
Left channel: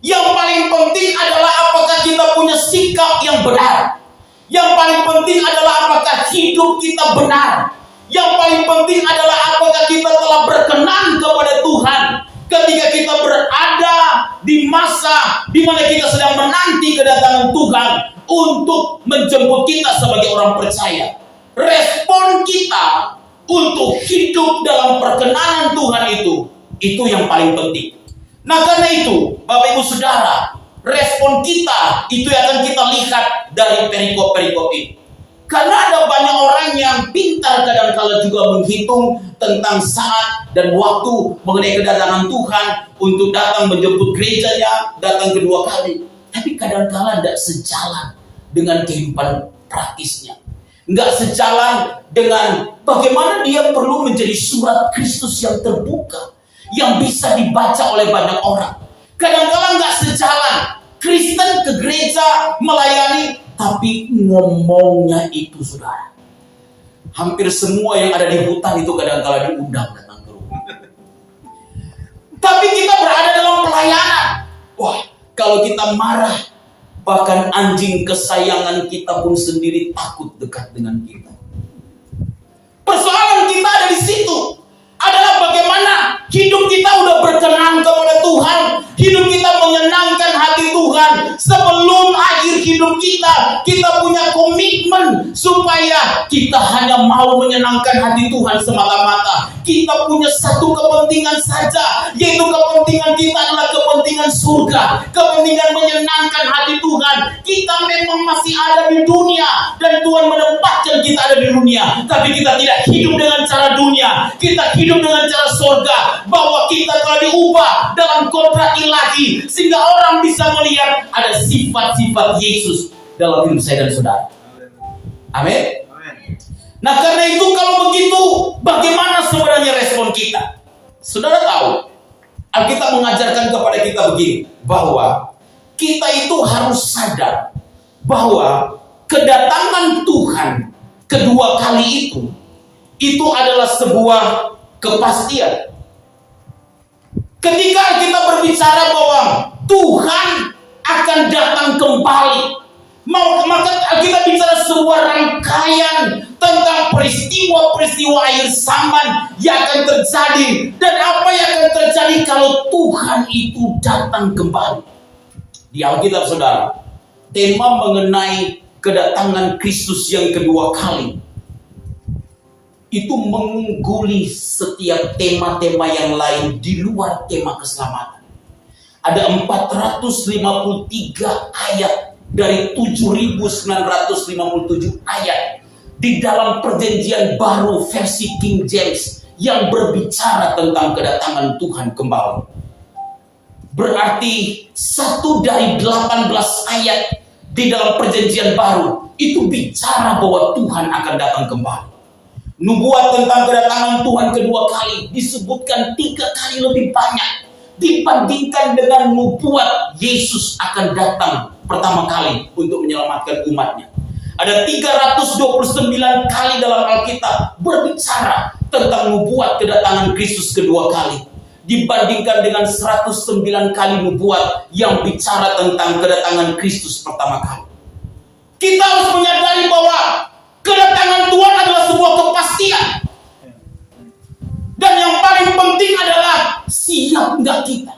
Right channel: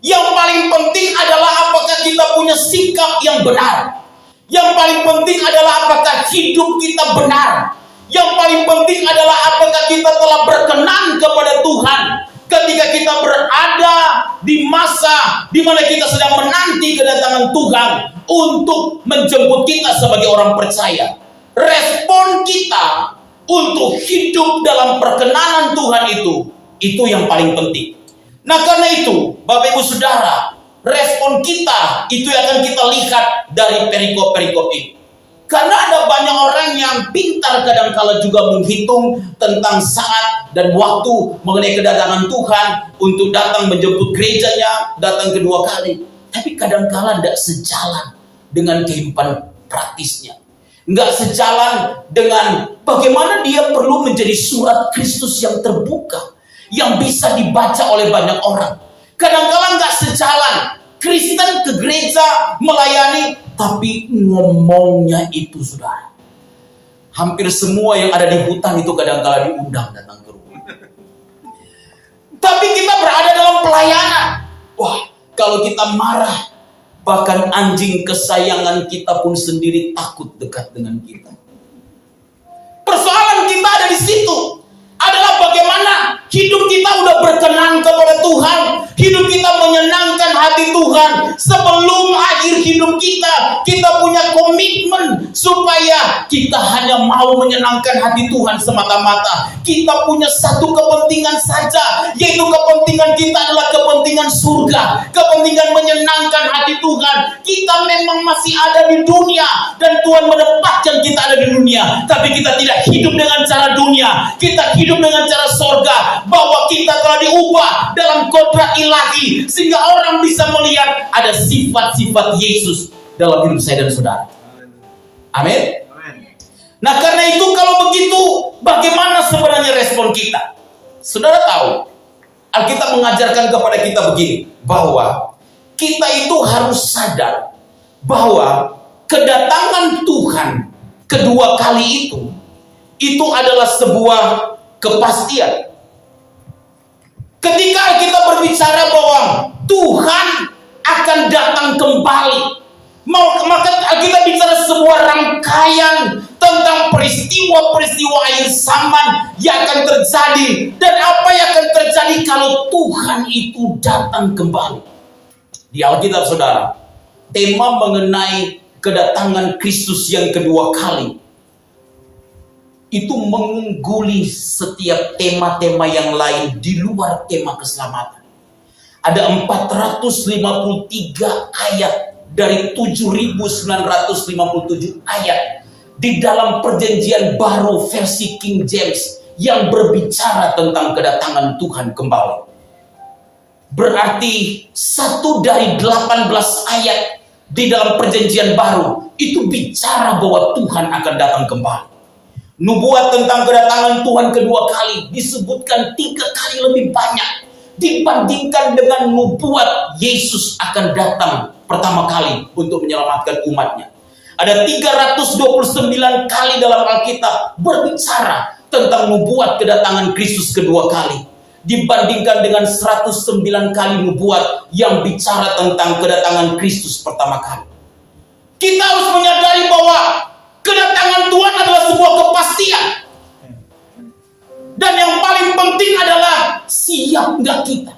Yang paling penting adalah apakah kita punya sikap yang benar. Yang paling penting adalah apakah hidup kita benar. Yang paling penting adalah apakah kita telah berkenan kepada Tuhan ketika kita berada di masa di mana kita sedang menanti kedatangan Tuhan untuk menjemput kita sebagai orang percaya. Respon kita untuk hidup dalam perkenanan Tuhan itu yang paling penting. Nah, karena itu Bapak Ibu Saudara, respon kita itu yang akan kita lihat dari perikop-perikop ini. Karena ada banyak orang yang pintar kadang-kala juga menghitung tentang saat dan waktu mengenai kedatangan Tuhan untuk datang menjemput gerejanya, datang kedua kali. Tapi kadang-kala tidak sejalan dengan kehidupan praktisnya. Nggak sejalan dengan bagaimana dia perlu menjadi surat Kristus yang terbuka, yang bisa dibaca oleh banyak orang. Kadang-kala nggak sejalan. Kristen ke gereja melayani, tapi ngomongnya itu, saudara, hampir semua yang ada di hutan itu kadang-kala diundang datang ke rumah. Tapi kita berada dalam pelayanan. Wah, kalau kita marah, bahkan anjing kesayangan kita pun sendiri takut dekat dengan kita. Persoalan kita ada di situ. Adalah bagaimana hidup kita udah berkenan kepada Tuhan, hidup kita menyenangkan hati Tuhan. Sebelum akhir hidup kita punya komitmen supaya kita hanya mau menyenangkan hati Tuhan semata-mata. Kita punya satu kepentingan saja, yaitu kepentingan kita adalah kepentingan surga, kepentingan menyenangkan hati Tuhan. Kita memang masih ada di dunia dan Tuhan menempatkan kita ada di dunia, tapi kita tidak hidup dengan cara dunia. Kita hidup dengan cara surga, bahwa kita telah diubah dalam kodrat ilahi sehingga orang bisa melihat ada sifat-sifat Yesus dalam hidup saya dan saudara. Amin. Nah, karena itu kalau begitu, bagaimana sebenarnya respon kita? Saudara tahu, Alkitab mengajarkan kepada kita begini, bahwa kita itu harus sadar bahwa kedatangan Tuhan kedua kali itu adalah sebuah kepastian. Ketika kita berbicara bahwa Tuhan akan datang kembali, maka kita bicara sebuah rangkaian tentang peristiwa-peristiwa akhir zaman yang akan terjadi dan apa yang akan terjadi kalau Tuhan itu datang kembali. Di Alkitab, saudara, tema mengenai kedatangan Kristus yang kedua kali itu mengungguli setiap tema-tema yang lain di luar tema keselamatan. Ada 453 ayat dari 7.957 ayat di dalam perjanjian baru versi King James yang berbicara tentang kedatangan Tuhan kembali. Berarti 1 dari 18 ayat di dalam perjanjian baru itu bicara bahwa Tuhan akan datang kembali. Nubuat tentang kedatangan Tuhan kedua kali disebutkan 3 kali lebih banyak dibandingkan dengan nubuat Yesus akan datang pertama kali untuk menyelamatkan umatnya. Ada 329 kali dalam Alkitab berbicara tentang nubuat kedatangan Kristus kedua kali, dibandingkan dengan 109 kali nubuat yang bicara tentang kedatangan Kristus pertama kali. Kita harus menyadari bahwa kedatangan Tuhan adalah sebuah kepastian. Dan yang paling penting adalah siap nggak kita.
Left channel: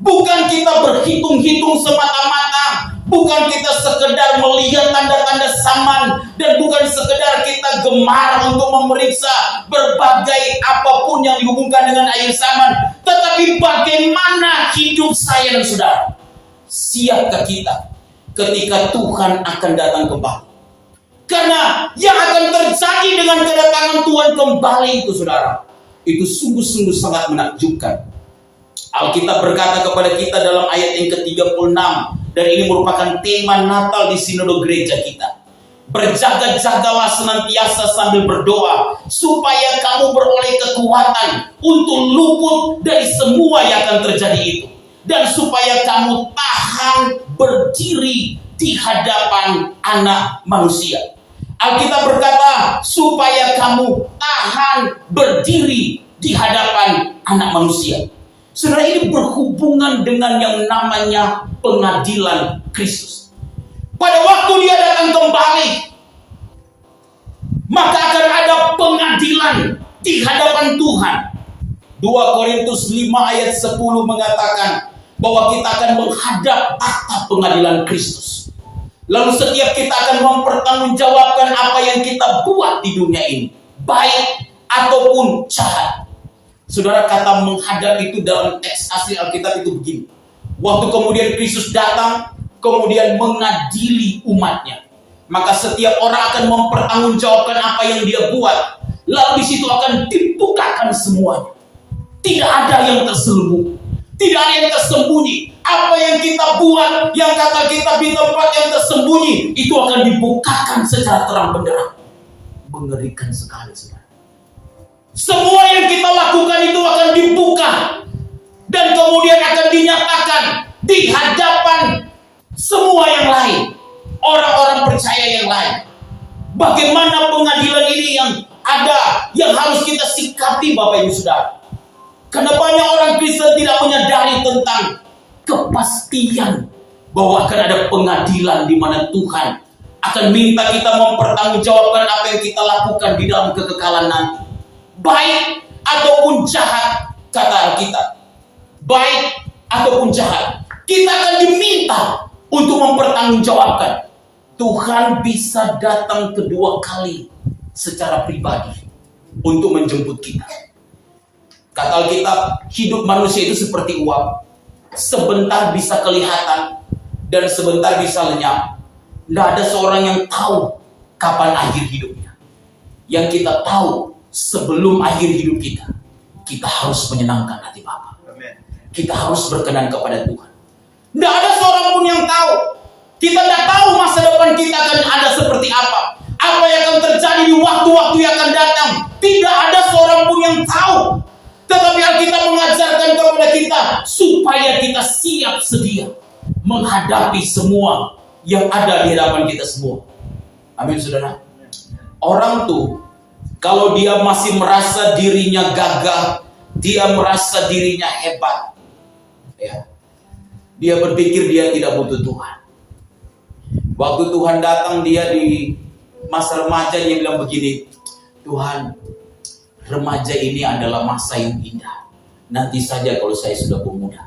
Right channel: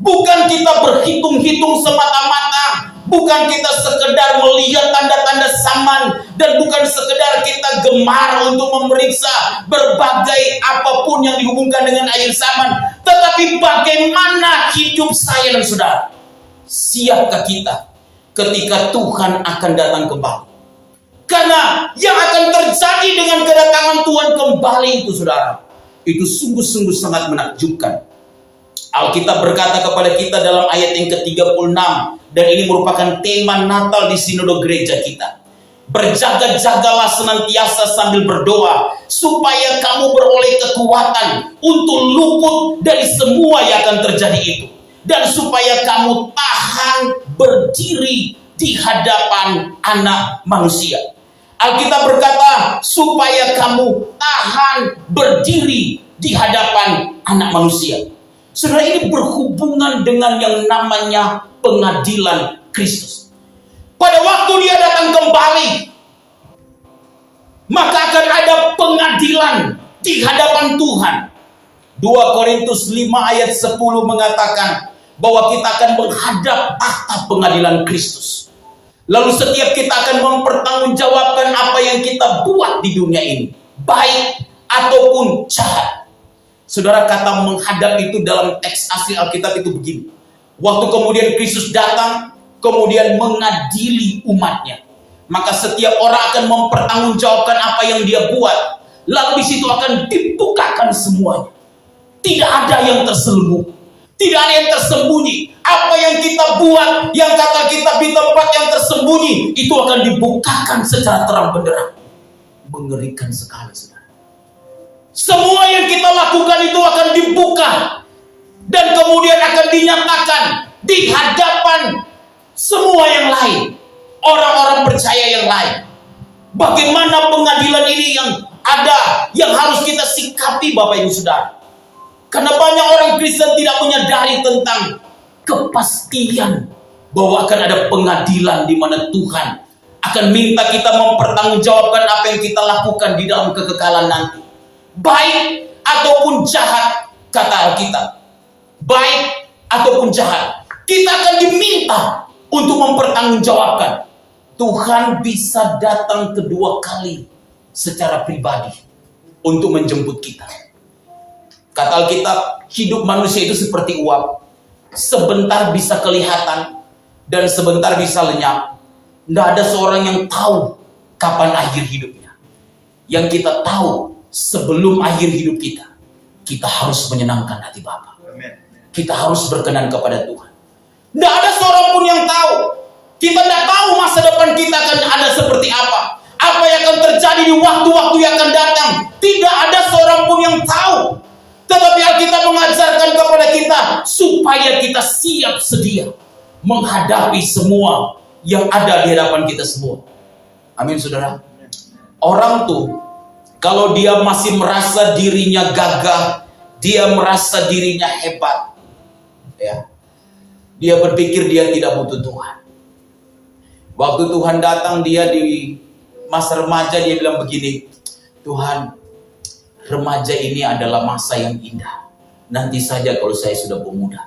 Bukan kita berhitung-hitung semata-mata, bukan kita sekedar melihat tanda-tanda zaman, dan bukan sekedar kita gemar untuk memeriksa berbagai apapun yang dihubungkan dengan akhir zaman, tetapi bagaimana hidup saya dan saudara. Siapkah kita ketika Tuhan akan datang kembali? Karena yang akan terjadi dengan kedatangan Tuhan kembali itu, saudara, itu sungguh-sungguh sangat menakjubkan. Alkitab berkata kepada kita dalam ayat yang ke-36, dan ini merupakan tema Natal di sinode gereja kita. Berjaga-jagalah senantiasa sambil berdoa, supaya kamu beroleh kekuatan untuk luput dari semua yang akan terjadi itu, dan supaya kamu tahan berdiri di hadapan Anak Manusia. Alkitab berkata, supaya kamu tahan berdiri di hadapan Anak Manusia. Saudara, ini berhubungan dengan yang namanya pengadilan Kristus. Pada waktu dia datang kembali, maka akan ada pengadilan di hadapan Tuhan. 2 Korintus 5 ayat 10 mengatakan bahwa kita akan menghadap tahta pengadilan Kristus. Lalu setiap kita akan mempertanggungjawabkan apa yang kita buat di dunia ini, baik ataupun jahat. Saudara, kata menghadap itu dalam teks asli Alkitab itu begini. Waktu kemudian Kristus datang, kemudian mengadili umatnya, maka setiap orang akan mempertanggungjawabkan apa yang dia buat. Lalu di situ akan dibukakan semuanya. Tidak ada yang terselubung, tidak ada yang tersembunyi. Apa yang kita buat, yang kata kita di tempat yang tersembunyi, itu akan dibukakan secara terang benderang. Mengerikan sekali, saudara. Semua yang kita lakukan itu akan dibuka dan kemudian akan dinyatakan di hadapan semua yang lain, orang-orang percaya yang lain. Bagaimana pengadilan ini yang ada, yang harus kita sikapi, Bapak Ibu Saudara? Karena banyak orang Kristen tidak menyadari tentang kepastian bahwa akan ada pengadilan di mana Tuhan akan minta kita mempertanggungjawabkan apa yang kita lakukan di dalam kekekalan nanti. Baik ataupun jahat, kata Alkitab. Baik ataupun jahat, kita akan diminta untuk mempertanggungjawabkan. Tuhan bisa datang kedua kali secara pribadi untuk menjemput kita. Kata Alkitab, hidup manusia itu seperti uap. Sebentar bisa kelihatan dan sebentar bisa lenyap. Tidak ada seorang yang tahu kapan akhir hidupnya. Yang kita tahu, sebelum akhir hidup kita, kita harus menyenangkan hati Bapa. Kita harus berkenan kepada Tuhan. Tidak ada seorang pun yang tahu. Kita tidak tahu masa depan kita akan ada seperti apa. Apa yang akan terjadi di waktu-waktu yang akan datang. Tidak ada seorang pun yang tahu. Tetapi Alkitab mengajarkan kepada kita supaya kita siap sedia menghadapi semua yang ada di hadapan kita semua. Amin, saudara. Orang tuh, kalau dia masih merasa dirinya gagah, dia merasa dirinya hebat, ya, dia berpikir dia tidak butuh Tuhan. Waktu Tuhan datang, dia di masa remaja, dia bilang begini, Tuhan, remaja ini adalah masa yang indah. Nanti saja kalau saya sudah pemuda.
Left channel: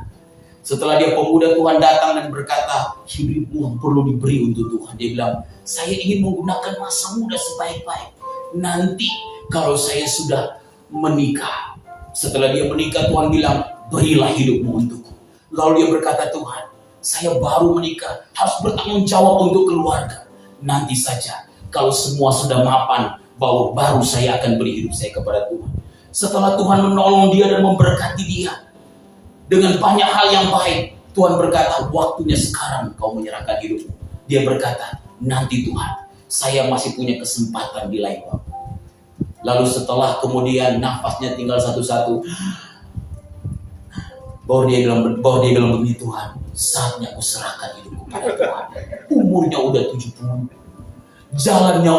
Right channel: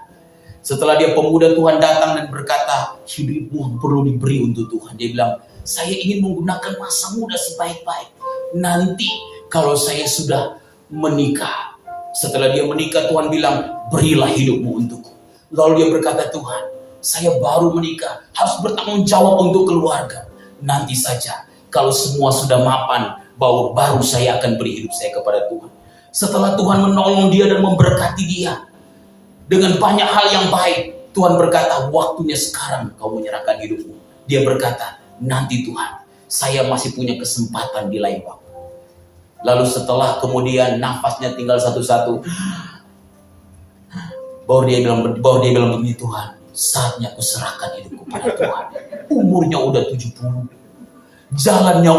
Setelah dia pemuda, Tuhan datang dan berkata, hidupmu perlu diberi untuk Tuhan. Dia bilang, saya ingin menggunakan masa muda sebaik-baik. Nanti kalau saya sudah menikah. Setelah dia menikah, Tuhan bilang, berilah hidupmu untukku. Lalu dia berkata, Tuhan, saya baru menikah, harus bertanggung jawab untuk keluarga. Nanti saja kalau semua sudah mapan, bahwa baru saya akan beri hidup saya kepada Tuhan. Setelah Tuhan menolong dia dan memberkati dia dengan banyak hal yang baik, Tuhan berkata, waktunya sekarang kau menyerahkan hidupmu. Dia berkata, nanti Tuhan, saya masih punya kesempatan di lain waktu. Lalu setelah kemudian nafasnya tinggal satu-satu, baru dia bilang begini, Tuhan, saatnya aku serahkan hidupku pada Tuhan. Umurnya udah 70, jalannya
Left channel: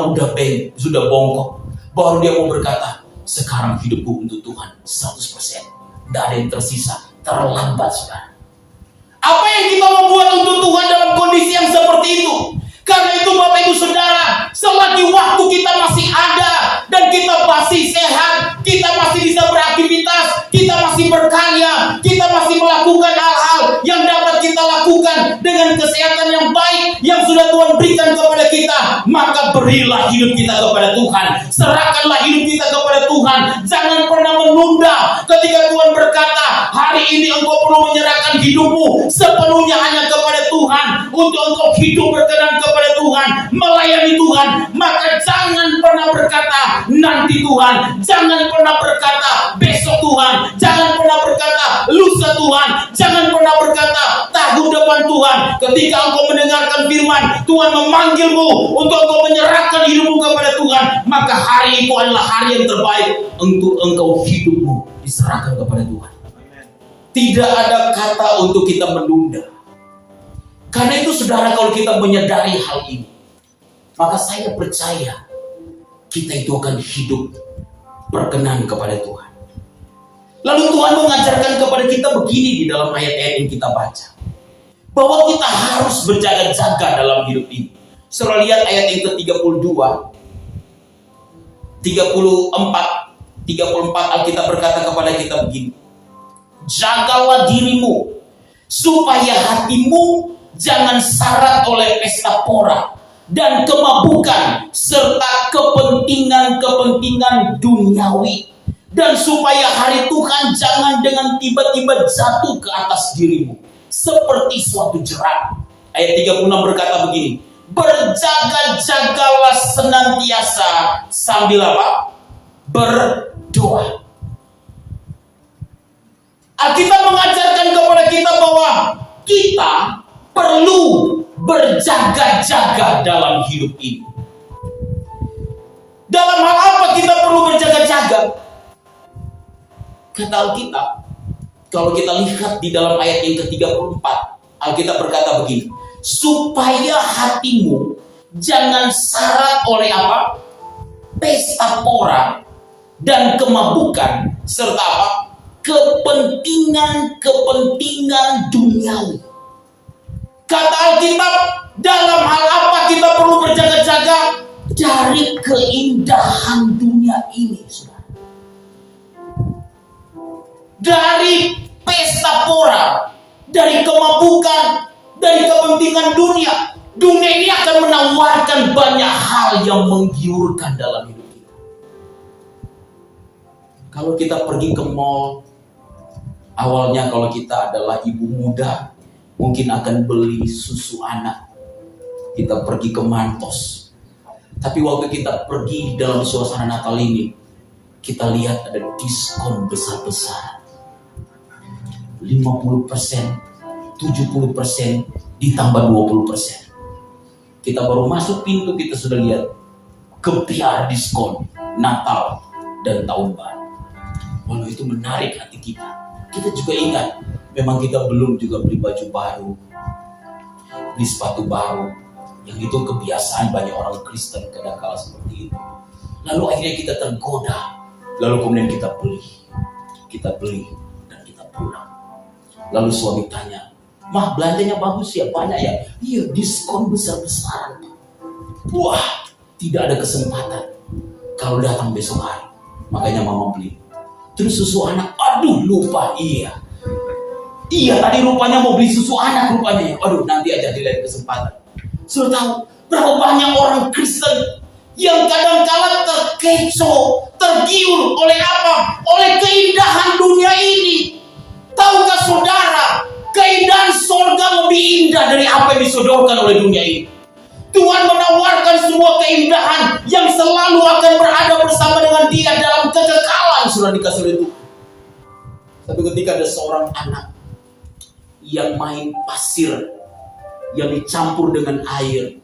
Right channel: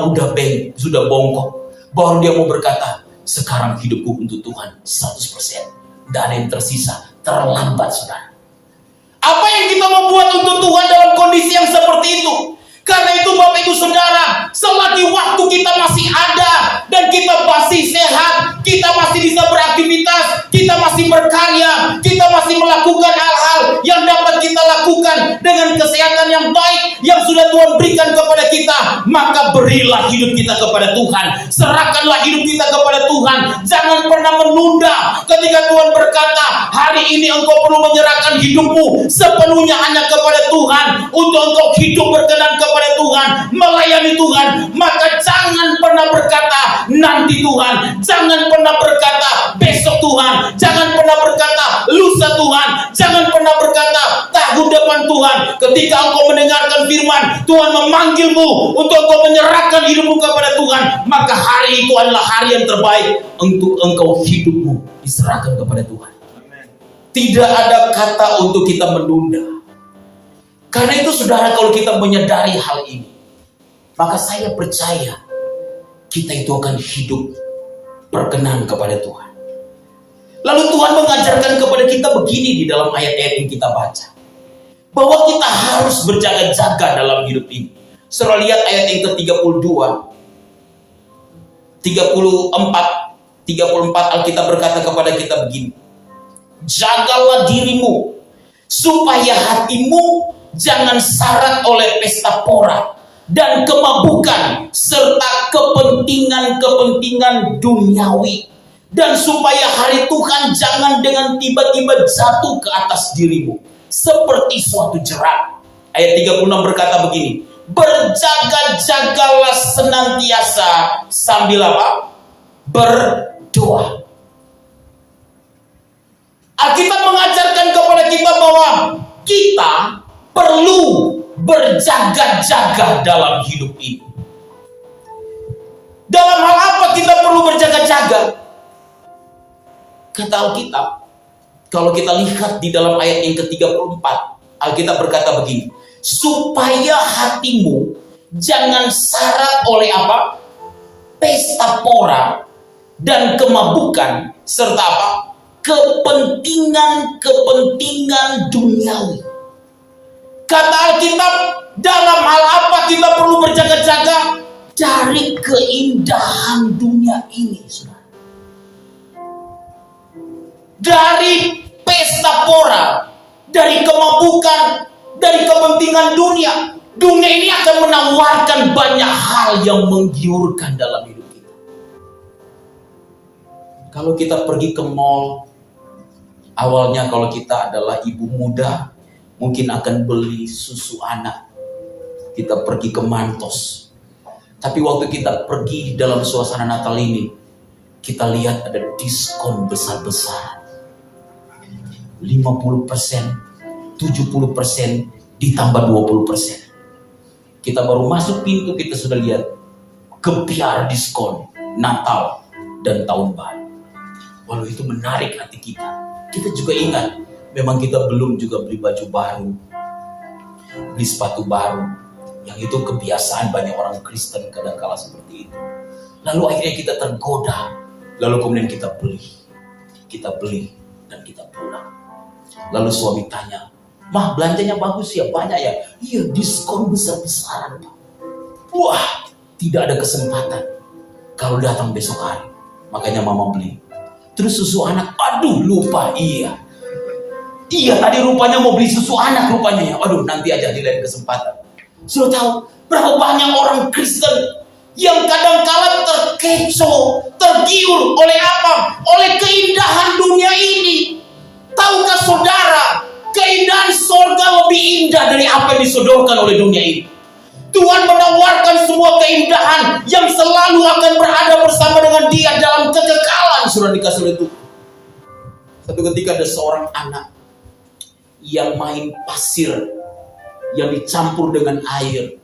sudah bongkok. Baru dia mau berkata, sekarang hidupku untuk Tuhan 100%. Tidak ada yang tersisa, terlambat saudara. Apa yang kita membuat untuk Tuhan dalam kondisi yang seperti itu? Karena itu Bapak Ibu Saudara, selagi waktu kita masih ada dan kita masih sehat, kita masih bisa beraktivitas, kita masih berkarya, kita masih melakukan hal-hal yang dapat kita lakukan dengan kesehatan yang baik yang sudah Tuhan berikan kepada kita, maka berilah hidup kita kepada Tuhan. Serahkanlah hidup kita kepada Tuhan. Jangan pernah menunda ketika Tuhan berkata, hari ini engkau perlu menyerahkan hidupmu sepenuhnya hanya kepada Tuhan untuk engkau hidup berkenan kepada Tuhan, melayani Tuhan. Maka jangan pernah berkata nanti Tuhan, jangan pernah berkata besok Tuhan, jangan pernah berkata lusa Tuhan, jangan pernah berkata tahun depan Tuhan. Ketika engkau mendengarkan firman Tuhan memanggilmu untuk engkau menyerahkan hidupmu kepada Tuhan, maka hari itu adalah hari yang terbaik untuk engkau hidupmu diserahkan kepada Tuhan. Tidak ada kata untuk kita menunda. Karena itu saudara, kalau kita menyadari hal ini, maka saya percaya kita itu akan hidup berkenan kepada Tuhan. Lalu Tuhan mengajarkan kepada kita begini di dalam ayat-ayat yang kita baca, bahwa kita harus berjaga-jaga dalam hidup ini. Saudara lihat ayat yang ke-32, 34 Alkitab berkata kepada kita begini, jagalah dirimu supaya hatimu jangan syarat oleh pesta pora dan kemabukan serta kepentingan-kepentingan duniawi, dan supaya hari Tuhan jangan dengan tiba-tiba jatuh ke atas dirimu seperti suatu jerat. Ayat 36 berkata begini, berjaga-jagalah senantiasa sambil apa? Berdoa. Alkitab mengajarkan kepada kita bahwa kita perlu berjaga-jaga dalam hidup ini. Dalam hal apa kita perlu berjaga-jaga? Kata Alkitab, kalau kita lihat di dalam ayat yang ke-34, Alkitab berkata begini, supaya hatimu jangan syarat oleh apa? Pesta pora dan kemabukan serta apa? Kepentingan-kepentingan duniawi. Kata Alkitab, dalam hal apa kita perlu berjaga-jaga? Dari keindahan dunia ini, saudara. Dari pesta pora, dari kemabukan, dari kepentingan dunia. Dunia ini akan menawarkan banyak hal yang menggiurkan dalam hidup kita. Kalau kita pergi ke mall, awalnya kalau kita adalah ibu muda, mungkin akan beli susu anak. Kita pergi ke Mantos. Tapi waktu kita pergi dalam suasana Natal ini, kita lihat ada diskon besar-besar. 50%, 70%, ditambah 20%. Kita baru masuk pintu, kita sudah lihat gebiar diskon Natal dan Tahun Baru. Walau itu menarik hati kita. Kita juga ingat, memang kita belum juga beli baju baru, beli sepatu baru. Yang itu kebiasaan banyak orang Kristen kadang-kala seperti itu. Lalu akhirnya kita tergoda. Lalu kemudian kita beli dan kita pulang. Lalu suami tanya, "Mah, belanjanya bagus ya, banyak ya?" "Iya, diskon besar-besaran." Wah, tidak ada kesempatan kalau datang besok hari. Makanya mama beli. Terus susu anak, aduh lupa, iya tadi rupanya mau beli susu anak rupanya ya. Aduh, nanti aja di lain kesempatan. Sudah tahu berapa banyak orang Kristen yang kadang-kala terkecoh, tergiur oleh apa? Oleh keindahan dunia ini. Tahukah saudara, keindahan surga lebih indah dari apa yang disodorkan oleh dunia ini. Tuhan menawarkan semua keindahan yang selalu akan berada bersama dengan Dia dalam kekekalan. Sudah dikasih oleh Tuhan. Satu ketika ada seorang anak yang main pasir, yang dicampur dengan air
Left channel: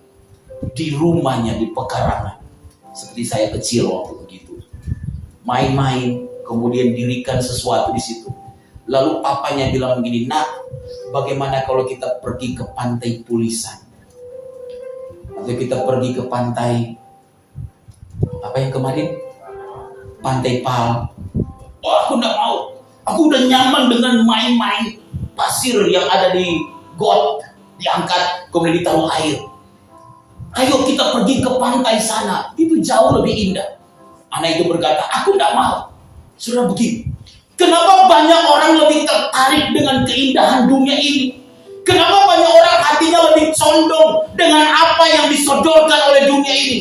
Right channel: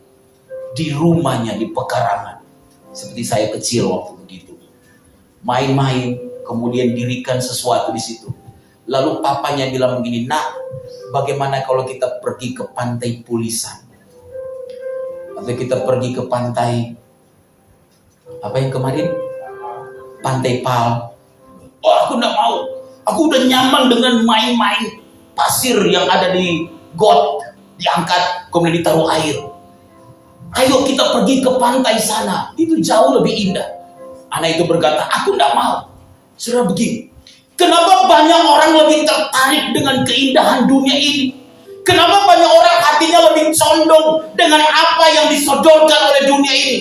di rumahnya di pekarangan. Seperti saya kecil waktu begitu. Main-main, kemudian dirikan sesuatu di situ. Lalu papanya bilang begini, "Nak, bagaimana kalau kita pergi ke pantai Pulisan? Atau kita pergi ke pantai apa yang kemarin? Pantai Pal." "Oh, aku enggak mau. Aku udah nyaman dengan main-main pasir yang ada di got, diangkat kemudian ditaruh air. Ayo kita pergi ke pantai sana, itu jauh lebih indah." Anak itu berkata, "Aku enggak mau." Sudah begini, kenapa banyak orang lebih tertarik dengan keindahan dunia ini? Kenapa banyak orang hatinya lebih condong dengan apa yang disodorkan oleh dunia ini?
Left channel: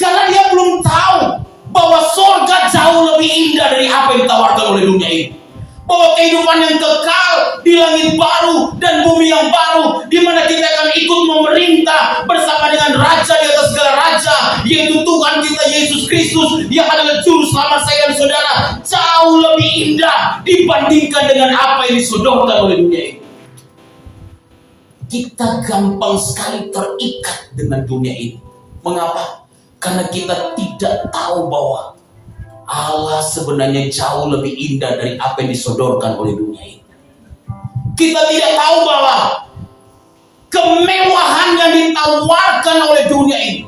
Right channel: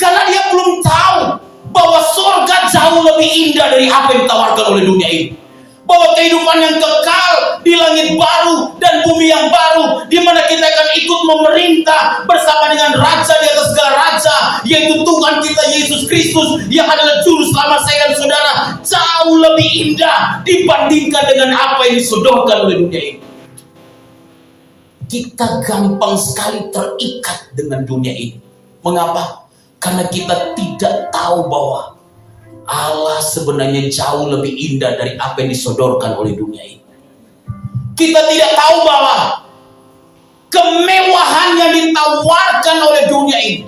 Karena dia belum tahu bahwa surga jauh lebih indah dari apa yang ditawarkan oleh dunia ini. Bahwa kehidupan yang kekal di langit baru dan bumi yang baru, di mana kita akan ikut memerintah bersama dengan Raja di atas segala raja, yaitu Tuhan kita Yesus Kristus yang adalah juru selamat saya dan saudara, jauh lebih indah dibandingkan dengan apa yang disodorkan oleh dunia ini. Kita gampang sekali terikat dengan dunia ini. Mengapa? Karena kita tidak tahu bahwa Allah sebenarnya jauh lebih indah dari apa yang disodorkan oleh dunia ini. Kita tidak tahu bahwa kemewahan yang ditawarkan oleh dunia ini,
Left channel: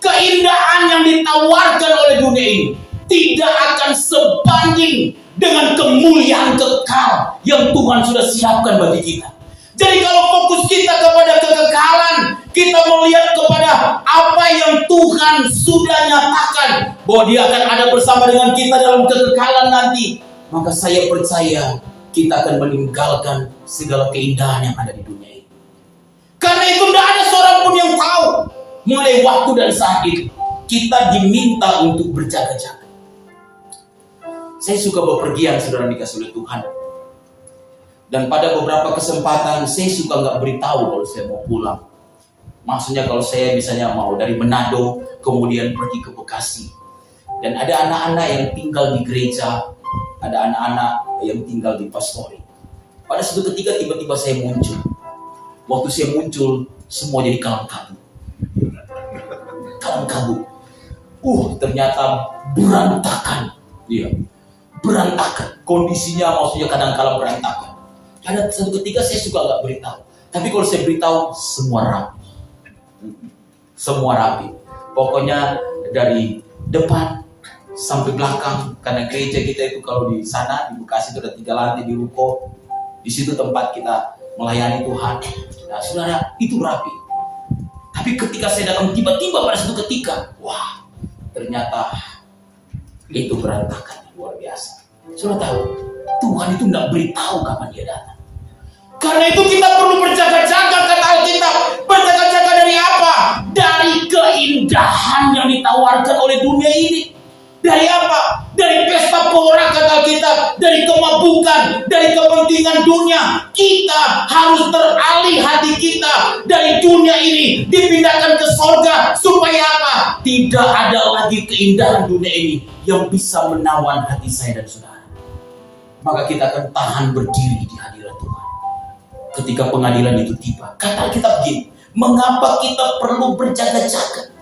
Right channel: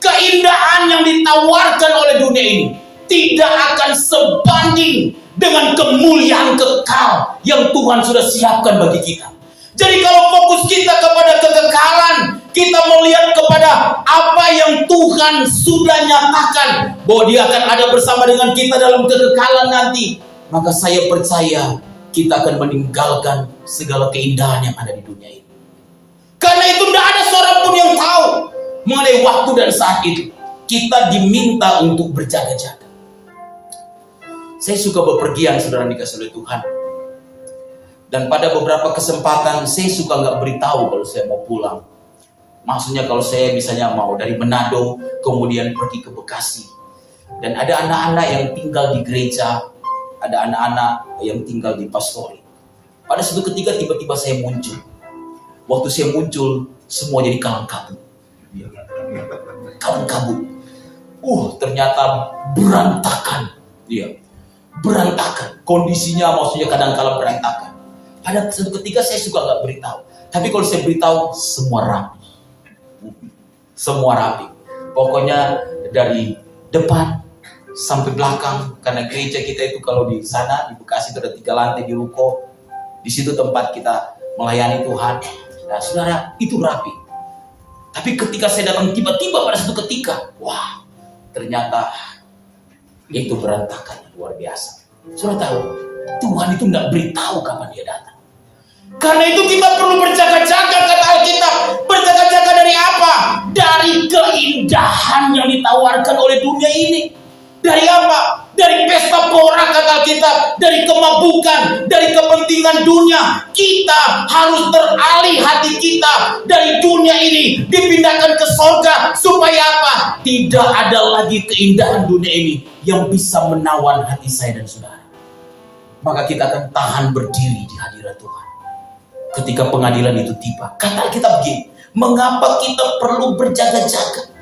keindahan yang ditawarkan oleh dunia ini, tidak akan sebanding dengan kemuliaan kekal yang Tuhan sudah siapkan bagi kita. Jadi kalau fokus kita kepada kekekalan, kita melihat kepada apa yang Tuhan sudah nyatakan, bahwa Dia akan ada bersama dengan kita dalam kekekalan nanti, maka saya percaya kita akan meninggalkan segala keindahan yang ada di dunia ini. Karena itu tidak ada seorang pun yang tahu mengenai waktu dan saat itu. Kita diminta untuk berjaga-jaga. Saya suka bepergian, saudara dikasih oleh Tuhan. Dan pada beberapa kesempatan saya suka nggak beritahu kalau saya mau pulang. Maksudnya kalau saya misalnya mau dari Manado kemudian pergi ke Bekasi. Dan ada anak-anak yang tinggal di gereja, ada anak-anak yang tinggal di pastori. Pada suatu ketika tiba-tiba saya muncul. Waktu saya muncul semua jadi kalang kabut. Kalang kabut. Ternyata berantakan. Iya. Berantakan. Kondisinya maksudnya kadang-kadang berantakan. Pada suatu ketika saya suka nggak beritahu. Tapi kalau saya beritahu semua rapi. Semua rapi. Pokoknya dari depan sampai belakang. Karena gereja kita itu kalau di sana di Bekasi itu ada 3 lantai di ruko. Di situ tempat kita melayani Tuhan. Nah, saudara, itu rapi. Tapi ketika saya datang tiba-tiba pada suatu ketika, wah, ternyata itu berantakan luar biasa. Saudara tahu, Tuhan itu nggak beritahu kapan Dia datang. Karena itu kita perlu berjaga-jaga, kata Alkitab. Berjaga-jaga dari apa? Dari keindahan yang ditawarkan oleh dunia ini. Dari apa? Dari pesta pora, kata Alkitab. Dari kemabukan, dari kepentingan dunia. Kita harus teralih hati kita dari dunia ini, dipindahkan ke surga. Supaya apa? Tidak ada lagi keindahan dunia ini yang bisa menawan hati saya dan saudara. Maka kita akan tahan berdiri di hadirat Tuhan ketika pengadilan itu tiba. Kata Alkitab begini, mengapa kita perlu berjaga-jaga?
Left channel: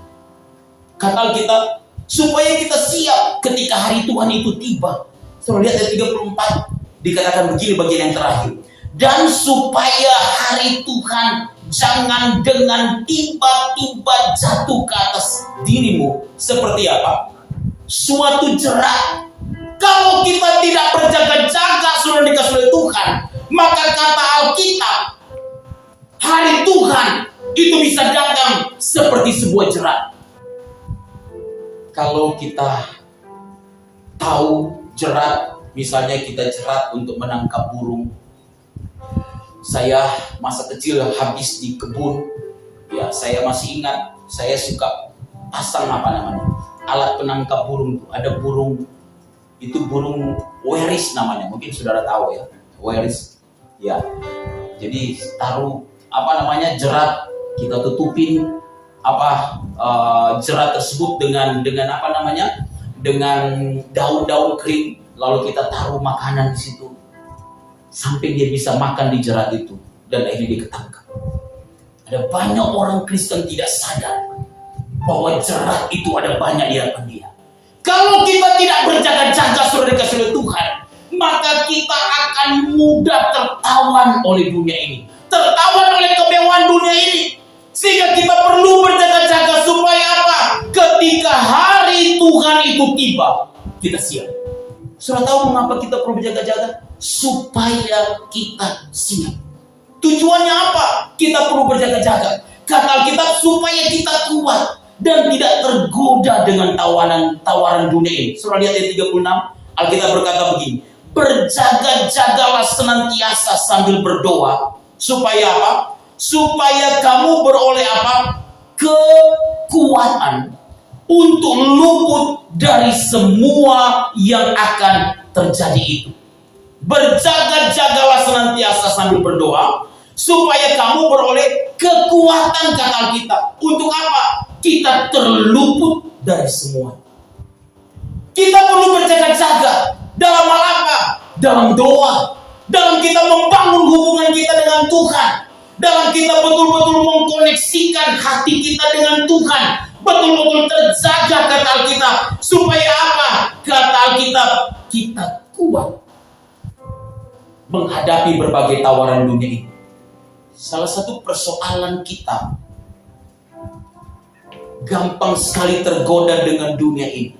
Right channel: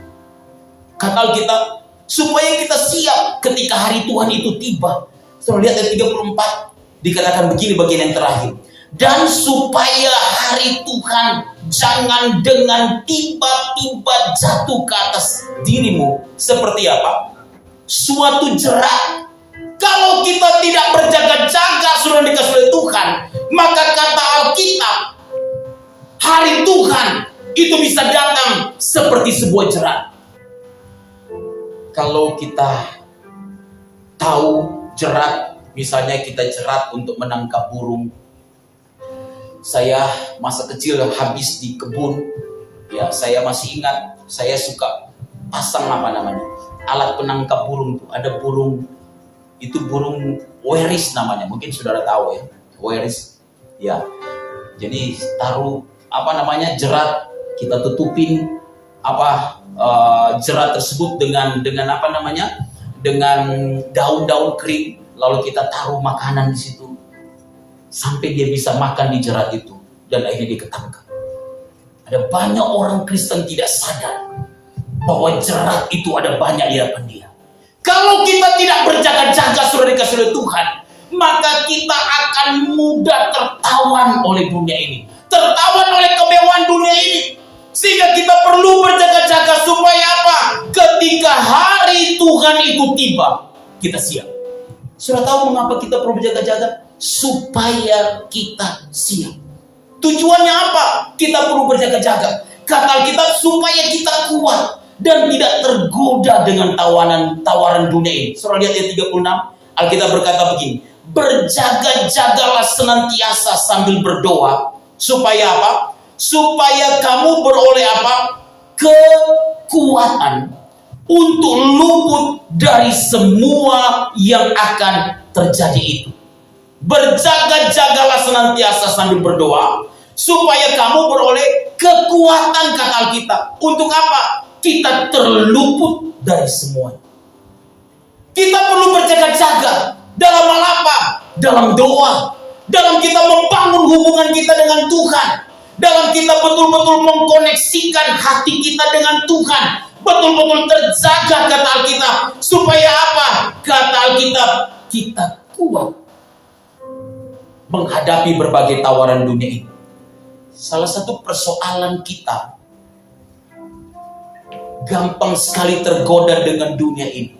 Kata Alkitab, supaya kita siap ketika hari Tuhan itu tiba. Setelah lihat ayat 34, dikatakan begini bagian yang terakhir. Dan supaya hari Tuhan jangan dengan tiba-tiba jatuh ke atas dirimu. Seperti apa? Suatu jerat. Kalau kita tidak berjaga-jaga sudah dikasih oleh Tuhan, maka kata Alkitab, hari Tuhan itu bisa datang seperti sebuah jerat. Kalau kita tahu jerat, misalnya kita jerat untuk menangkap burung. Saya masa kecil yang habis di kebun, ya saya masih ingat, saya suka pasang alat penangkap burung. Ada burung, itu burung weris namanya, mungkin saudara tahu ya, weris. Ya, jadi taruh jerat, kita tutupin jerat tersebut dengan dengan daun-daun kering, lalu kita taruh makanan di situ sampai dia bisa makan di jerat itu dan akhirnya dia ketangkap. Ada banyak orang Kristen tidak sadar bahwa jerat itu ada banyak di hadapan dia. Kalau kita tidak berjaga-jaga saudara dikasih oleh Tuhan, maka kita akan mudah tertawan oleh dunia ini, tertawan oleh kemewahan dunia ini. Sehingga kita perlu berjaga-jaga supaya apa? Ketika hari Tuhan itu tiba, kita siap. Saudara tahu mengapa kita perlu berjaga-jaga? Supaya kita siap. Tujuannya apa? Kita perlu berjaga-jaga. Kata Alkitab supaya kita kuat dan tidak tergoda dengan tawaran dunia ini. Saudara lihat ayat 36, Alkitab berkata begini, berjaga-jagalah senantiasa sambil berdoa, supaya apa? Supaya kamu beroleh apa? Kekuatan untuk luput dari semua yang akan terjadi itu. Berjaga-jagalah senantiasa sambil berdoa, supaya kamu beroleh kekuatan, kata Alkitab. Untuk apa? Kita terluput dari semua. Kita perlu berjaga-jaga. Dalam hal apa? Dalam doa. Dalam kita membangun hubungan kita dengan Tuhan. Dalam kita betul-betul mengkoneksikan hati kita dengan Tuhan. Betul-betul terjaga, kata Alkitab. Supaya apa? Kata Alkitab, kita kuat menghadapi berbagai tawaran dunia ini. Salah satu persoalan kita gampang sekali tergoda dengan dunia ini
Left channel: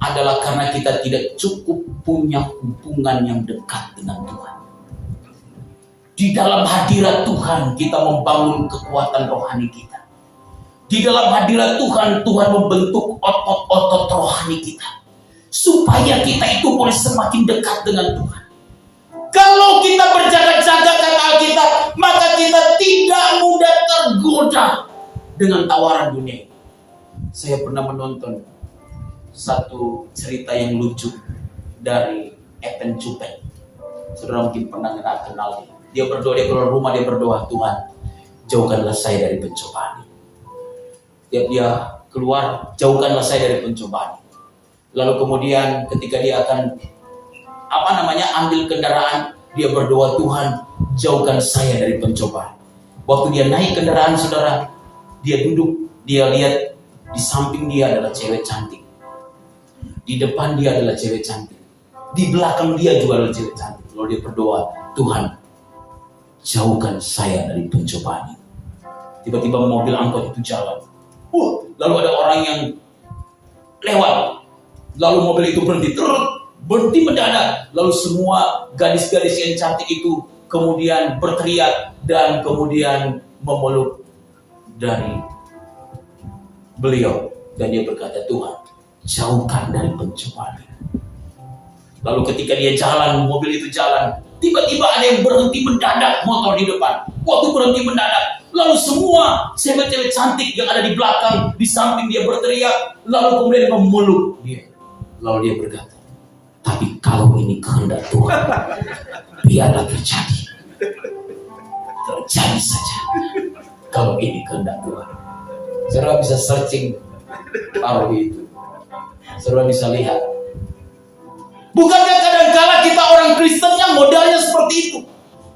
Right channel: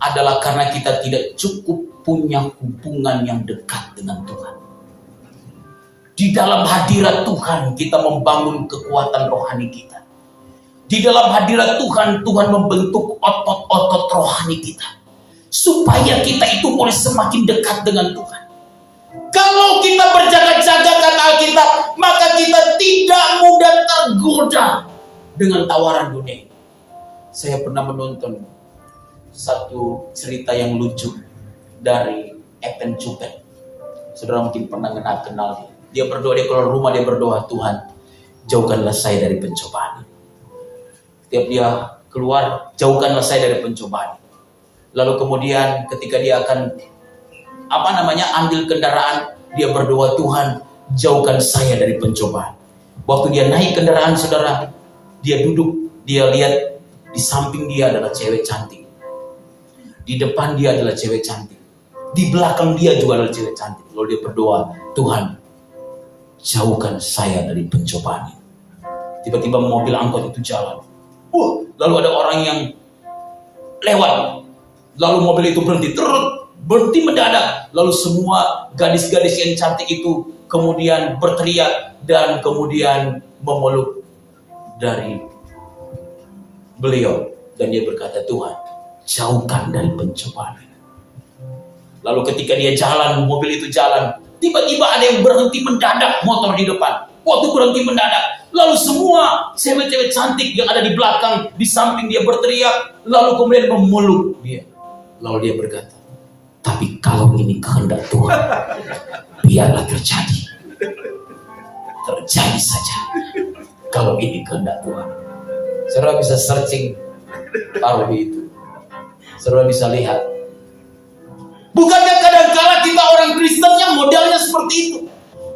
adalah karena kita tidak cukup punya hubungan yang dekat dengan Tuhan. Di dalam hadirat Tuhan kita membangun kekuatan rohani kita. Di dalam hadirat Tuhan, Tuhan membentuk otot-otot rohani kita supaya kita itu boleh semakin dekat dengan Tuhan. Kalau kita berjaga-jaga, kata Alkitab, maka kita tidak mudah tergoda dengan tawaran dunia. Saya pernah menonton satu cerita yang lucu dari Ethan Chupen. Saudara mungkin pernah kenal dia. Dia berdoa, dia keluar rumah, dia berdoa, Tuhan, jauhkanlah saya dari pencobaan. Setiap dia keluar, jauhkanlah saya dari pencobaan. Lalu kemudian ketika dia akan ambil kendaraan, dia berdoa, Tuhan, jauhkan saya dari pencobaan. Waktu dia naik kendaraan, saudara, dia duduk, dia lihat di samping dia adalah cewek cantik, di depan dia adalah cewek cantik, di belakang dia juga adalah cewek cantik. Lalu dia berdoa, Tuhan, jauhkan saya dari pencobaan. Tiba-tiba mobil angkot itu jalan. Lalu ada orang yang lewat, lalu mobil itu berhenti mendadak. Lalu semua gadis-gadis yang cantik itu kemudian berteriak dan kemudian memeluk dari beliau. Dan dia berkata, Tuhan, jauhkan dari pencobaan. Lalu ketika dia jalan, mobil itu jalan, tiba-tiba ada yang berhenti mendadak, motor di depan. Waktu berhenti mendadak, lalu semua cewek-cewek cantik yang ada di belakang, di samping dia berteriak, lalu kemudian memeluk dia. Lalu dia berkata, tapi kalau ini kehendak Tuhan, biarlah terjadi. Terjadi saja. Kalau ini kehendak Tuhan. Saudara bisa searching hari itu. Saudara bisa lihat. Bukankah kadang-kala kita orang Kristennya modelnya seperti itu?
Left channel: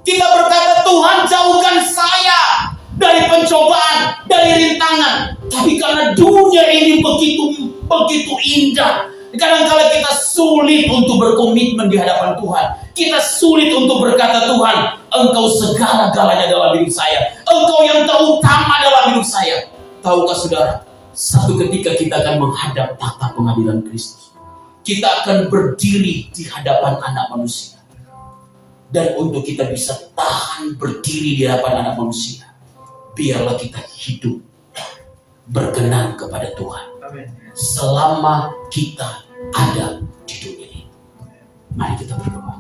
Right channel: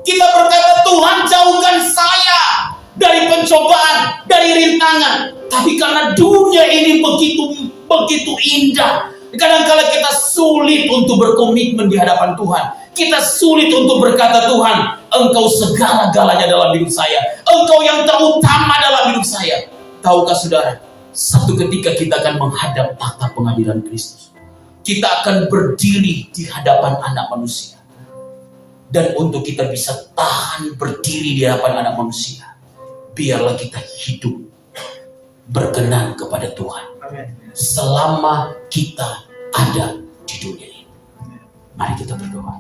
Kita berkata, Tuhan jauhkan saya dari pencobaan, dari rintangan. Tapi karena dunia ini begitu indah, kadang-kala kita sulit untuk berkomitmen di hadapan Tuhan. Kita sulit untuk berkata, Tuhan, Engkau segala-galanya dalam hidup saya. Engkau yang terutama dalam hidup saya. Tahukah saudara, satu ketika kita akan menghadap tahta pengadilan Kristus. Kita akan berdiri di hadapan anak manusia. Dan untuk kita bisa tahan berdiri di hadapan anak manusia, biarlah kita hidup berkenan kepada Tuhan. Amen. Selama kita ada di dunia ini. Mari kita berdoa.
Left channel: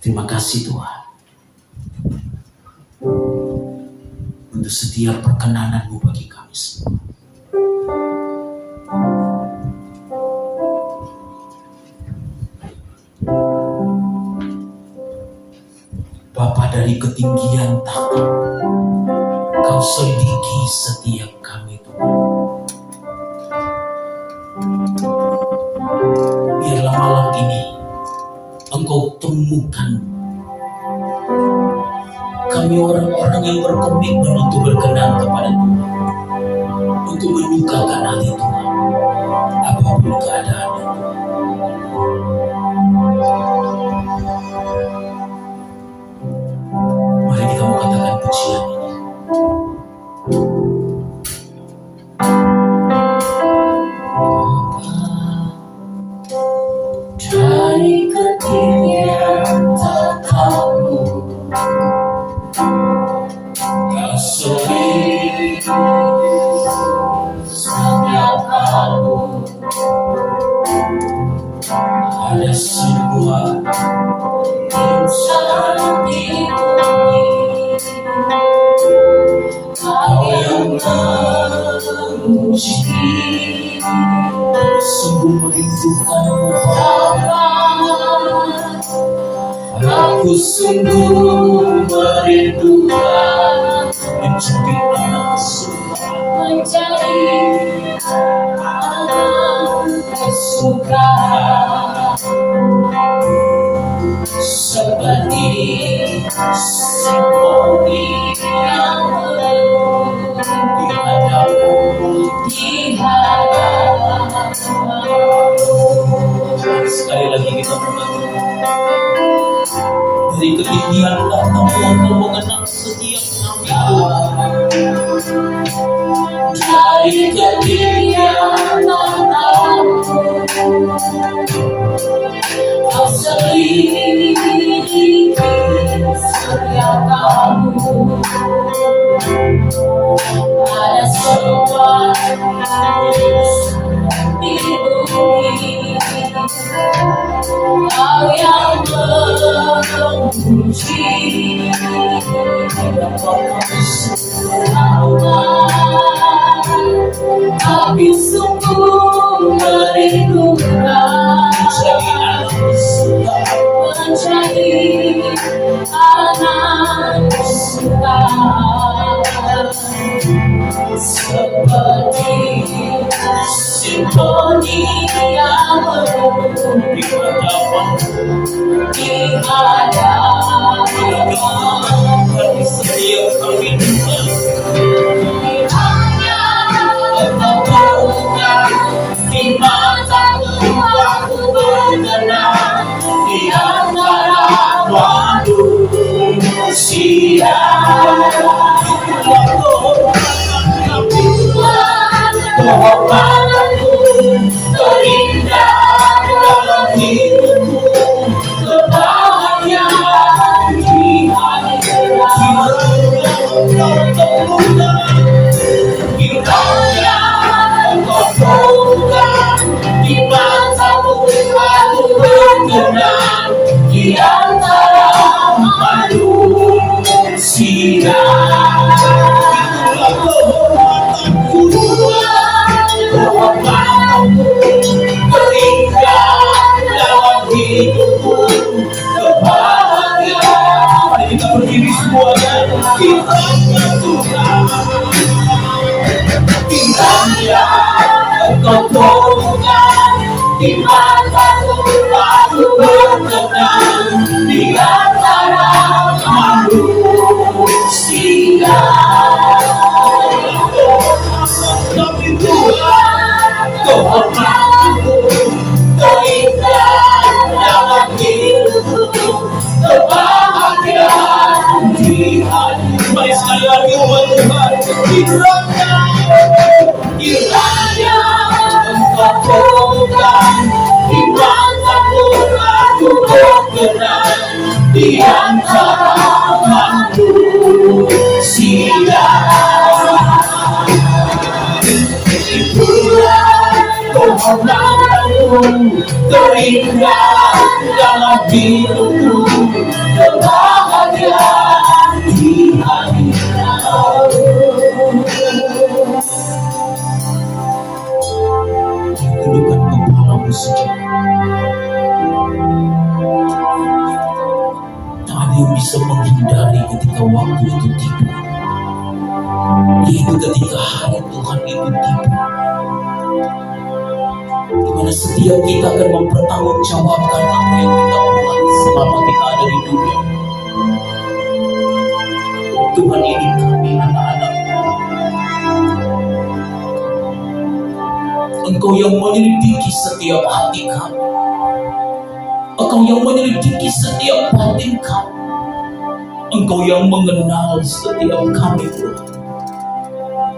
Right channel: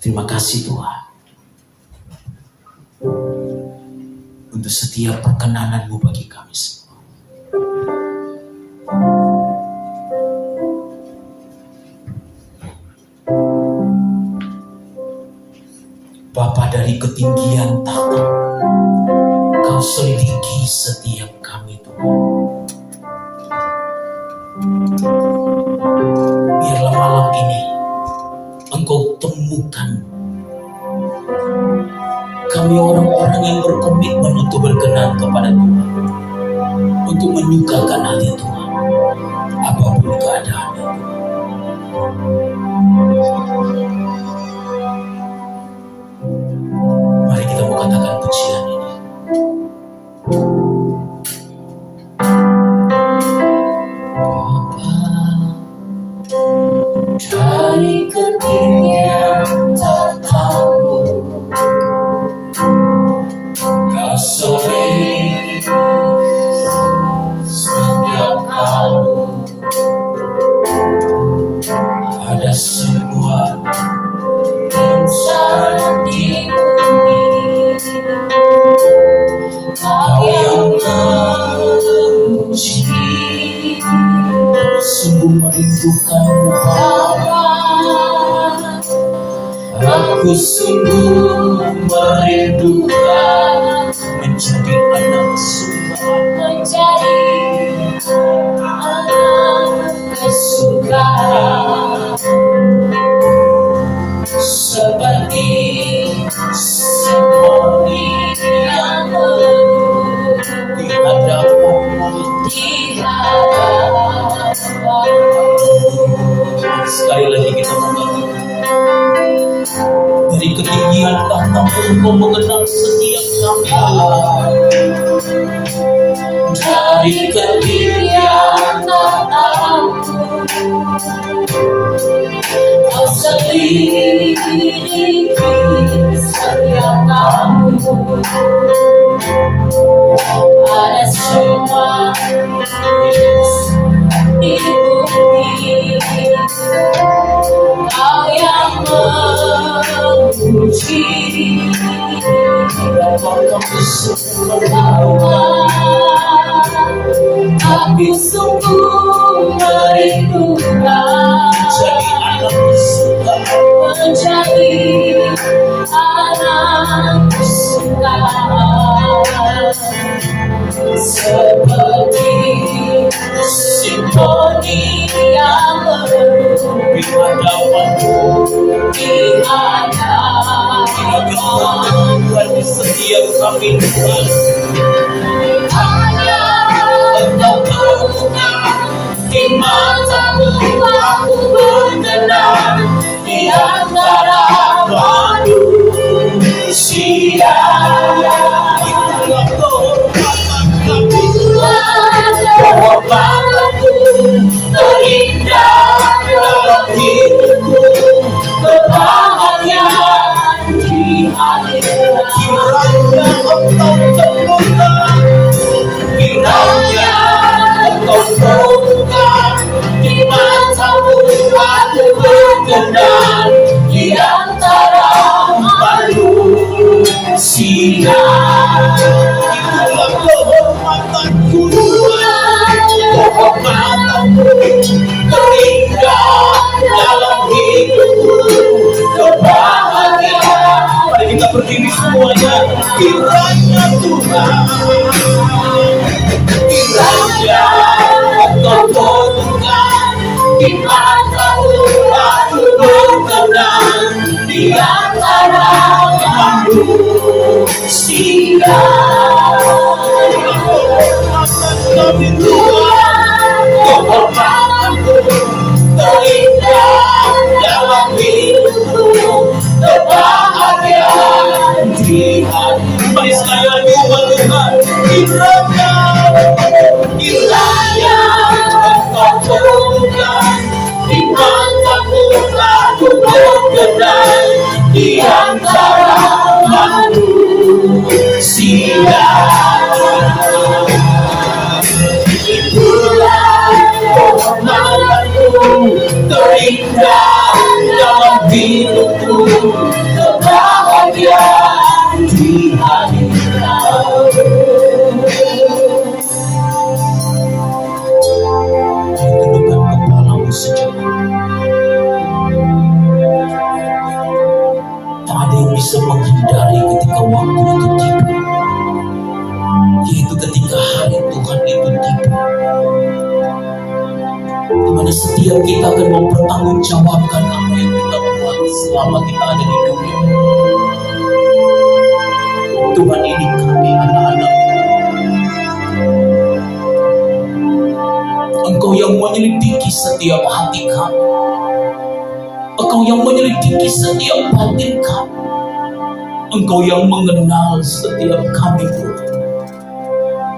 Terima kasih Tuhan untuk setiap perkenanan-Mu bagi kami semua. Bapa dari ketinggian tahta, Kau selidiki setiap kami Tuhan. Biarlah malam ini Engkau temukan Kami orang-orang yang berkomitmen untuk berkenan kepada Tuhan, untuk menyukakan hati Tuhan, apapun keadaannya. Mari kita mau katakan pujian ini. Dari ketinggian tatamu, Kau sering setiap kamu. Ada sebuah insan di bumi, Kau yang memuji, sungguh merindukanmu Bapa. Aku sungguh merindukan menjadi anak surga, menjadi anak kesukaan, seperti simfoni yang di hadapanmu. Sekali lagi kita mengaku, dari ketinggian datang Engkau mengenang setiap kami. Dari ketinggian datang Kau selidiki setiap kamu. Ada semua di bumi, Kau yang memuji, betapa Kau sungguh merawat. Aku sungguh merindukan menjadi anak surga, menjadi anak surga, seperti simfoni yang di hadapanmu, di hadapanmu. Di setiap kami Tuhan, hanya Engkau bukan di mataku. Aku berkenan di antara manusia. Itulah kehormatanku terindah dalam hidupku, kebahagiaan di akhirat. Kiranya Engkau temukan, kiranya Engkau temukan di matamu. Aku berkenan di antara manusia. Itulah kehormatanku, kehormatanku terindah dalam hidupku, kebahagiaan. Mari kita berdiri semuanya. Kiranya Tuhan, kiranya Engkau temukan di mataku. Aku berkenan di antara manusia. Kami Tuhan, kehormatanku terindah dalam hidupku, kebahagiaan di hati. Mari sekali lagi Tuhan, kiranya Engkau temukan di mataku. Aku berkenan di antara manusia. Kehormatanmu terindah dalam hidupku, kebahagiaan di akhirat. Tundukkan kepalamu sejenak. Tak ada yang bisa menghindari ketika waktu itu tiba, yaitu ketika hari Tuhan itu tiba, di mana setiap kita akan mempertanggungjawabkan apa yang kita buat selama kita ada di dunia. ini kami anak-anak. Engkau yang menyelidiki setiap hati kami. Engkau yang menyelidiki setiap batin kami. Engkau yang mengenal setiap kami, Tuhan.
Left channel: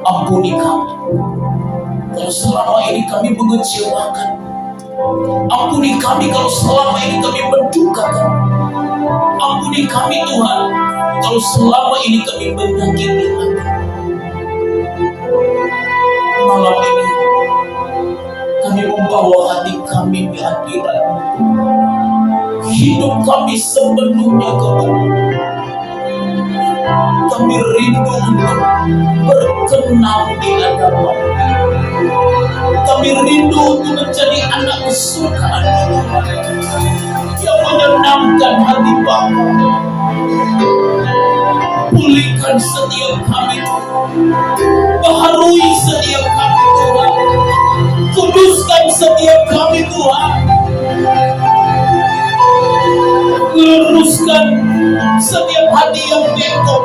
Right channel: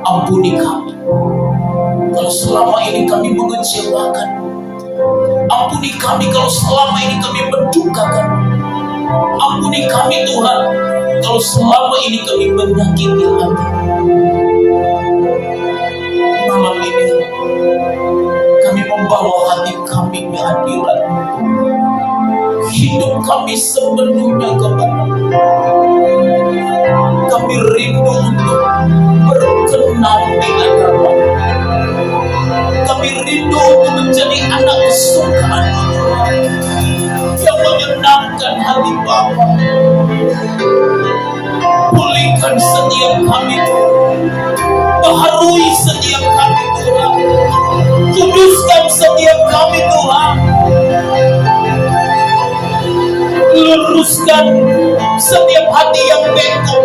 Ampuni kami kalau selama ini kami mengecewakan. Ampuni kami kalau selama ini kami mendukakan. Ampuni kami, Tuhan, kalau selama ini kami menyakiti hati. Malam ini kami membawa hati kami di hadirat-Mu. Hidup kami sepenuhnya kepada-Mu. Kami rindu untuk berkenan di hadapan-Mu. Kami rindu untuk menjadi anak kesukaan-Mu yang menyenangkan hati Bapa. Pulihkan setiap kami, baharui setiap kami, Tuhan. Kuduskan setiap kami, Tuhan. Luruskan setiap hati yang bengkok.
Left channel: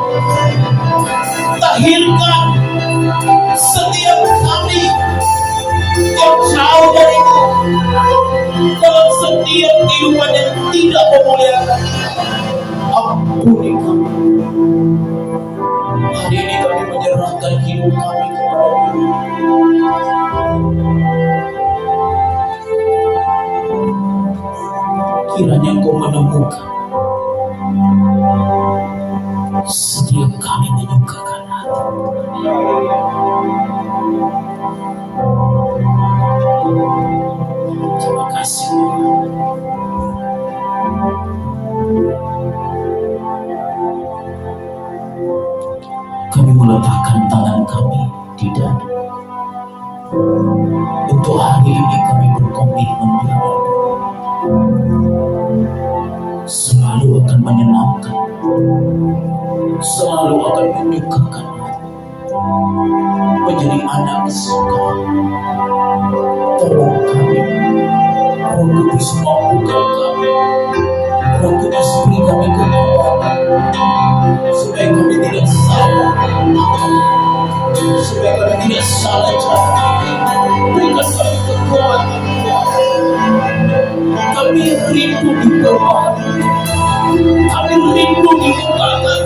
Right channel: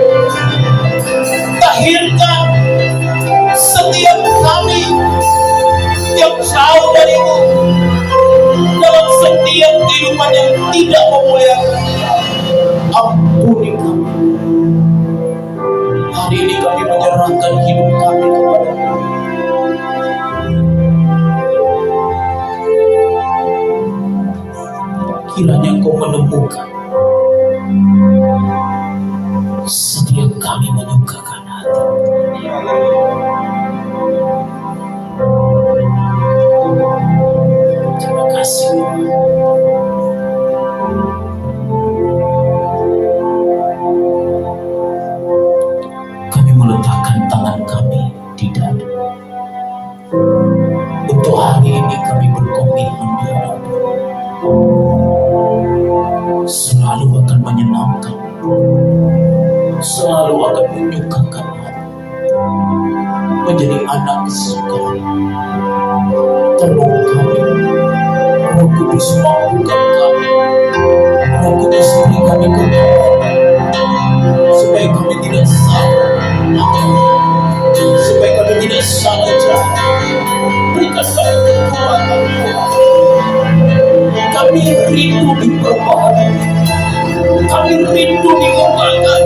Tahirkan setiap kami yang jauh dari-Mu dalam setiap kehidupan yang tidak memuliakan. Ampuni kami. Hari ini kami menyerahkan hidup kami kepada-Mu. Kiranya Engkau menemukan setiap kami menyukakan hati. Terima kasih. Kami meletakkan tangan kami di dada. Untuk hari ini kami berkomitmen di hadapan. Selalu akan menyenangkan, selalu akan menyukakan hati, menjadi anak kesukaan. Tolong kami, Roh Kudus mampukan kami, Roh Kudus beri kami kekuatan, supaya kami tidak salah makan, supaya kami tidak salah jalan. Berikan kami kekuatan, kami rindu diperbaharui. Kami rindu diubahkan.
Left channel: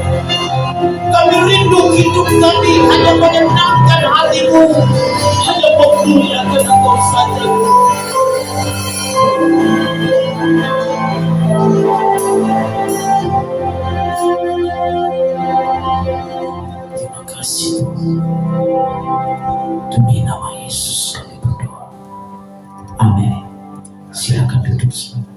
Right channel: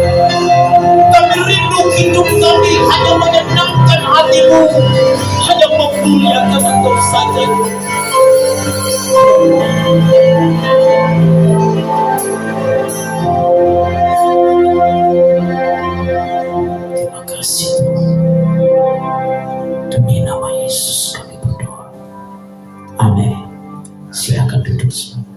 Kami rindu hidup kami hanya menyenangkan hati-Mu, hanya memuliakan Engkau saja. Terima kasih, Tuhan. Demi nama Yesus kami berdoa. Amin. Silakan duduk semua.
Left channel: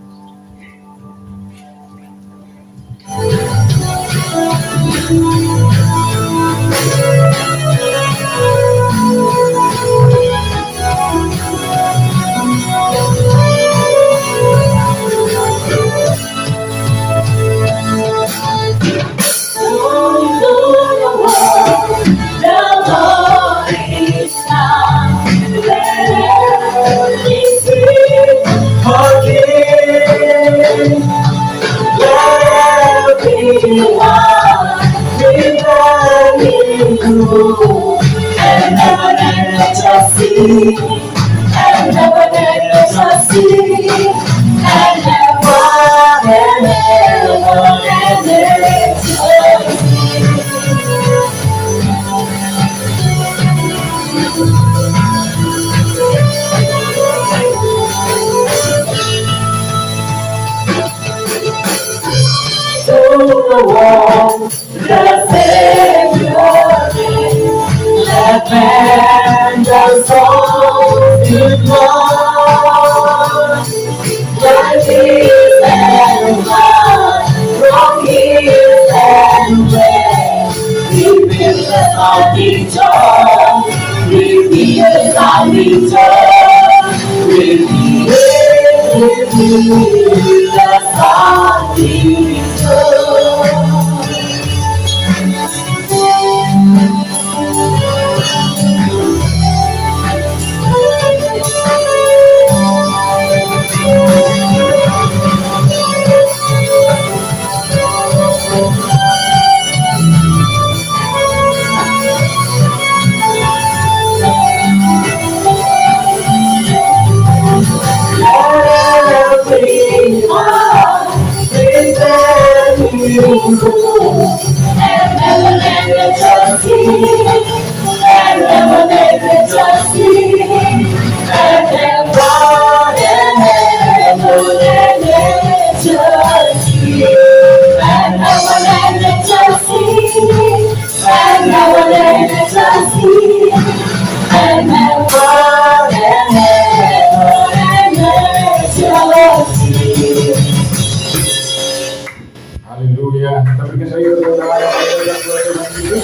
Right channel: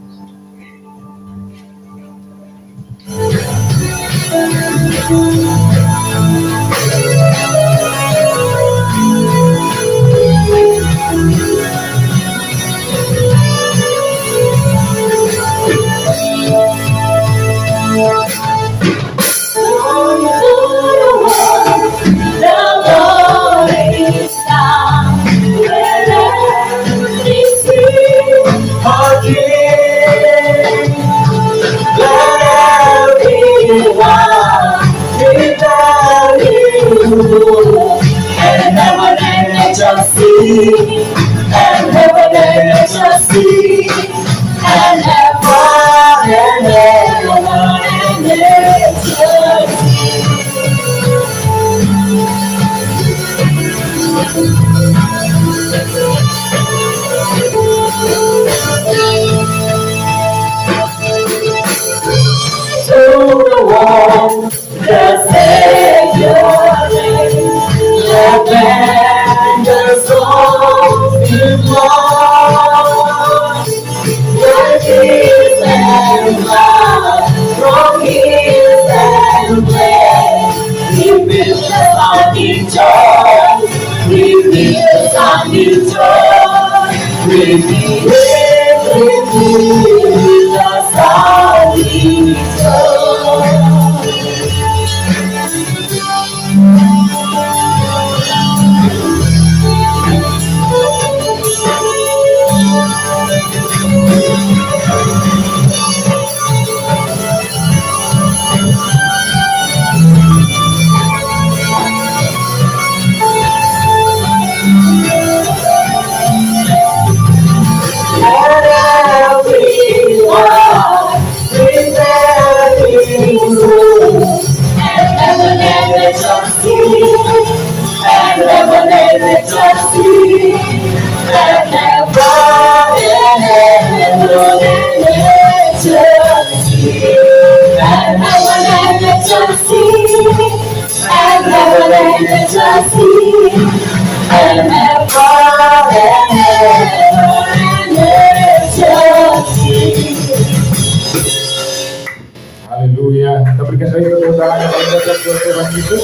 Kita berikan saja tepuk tangan yang paling meriah buat Tuhan Yesus.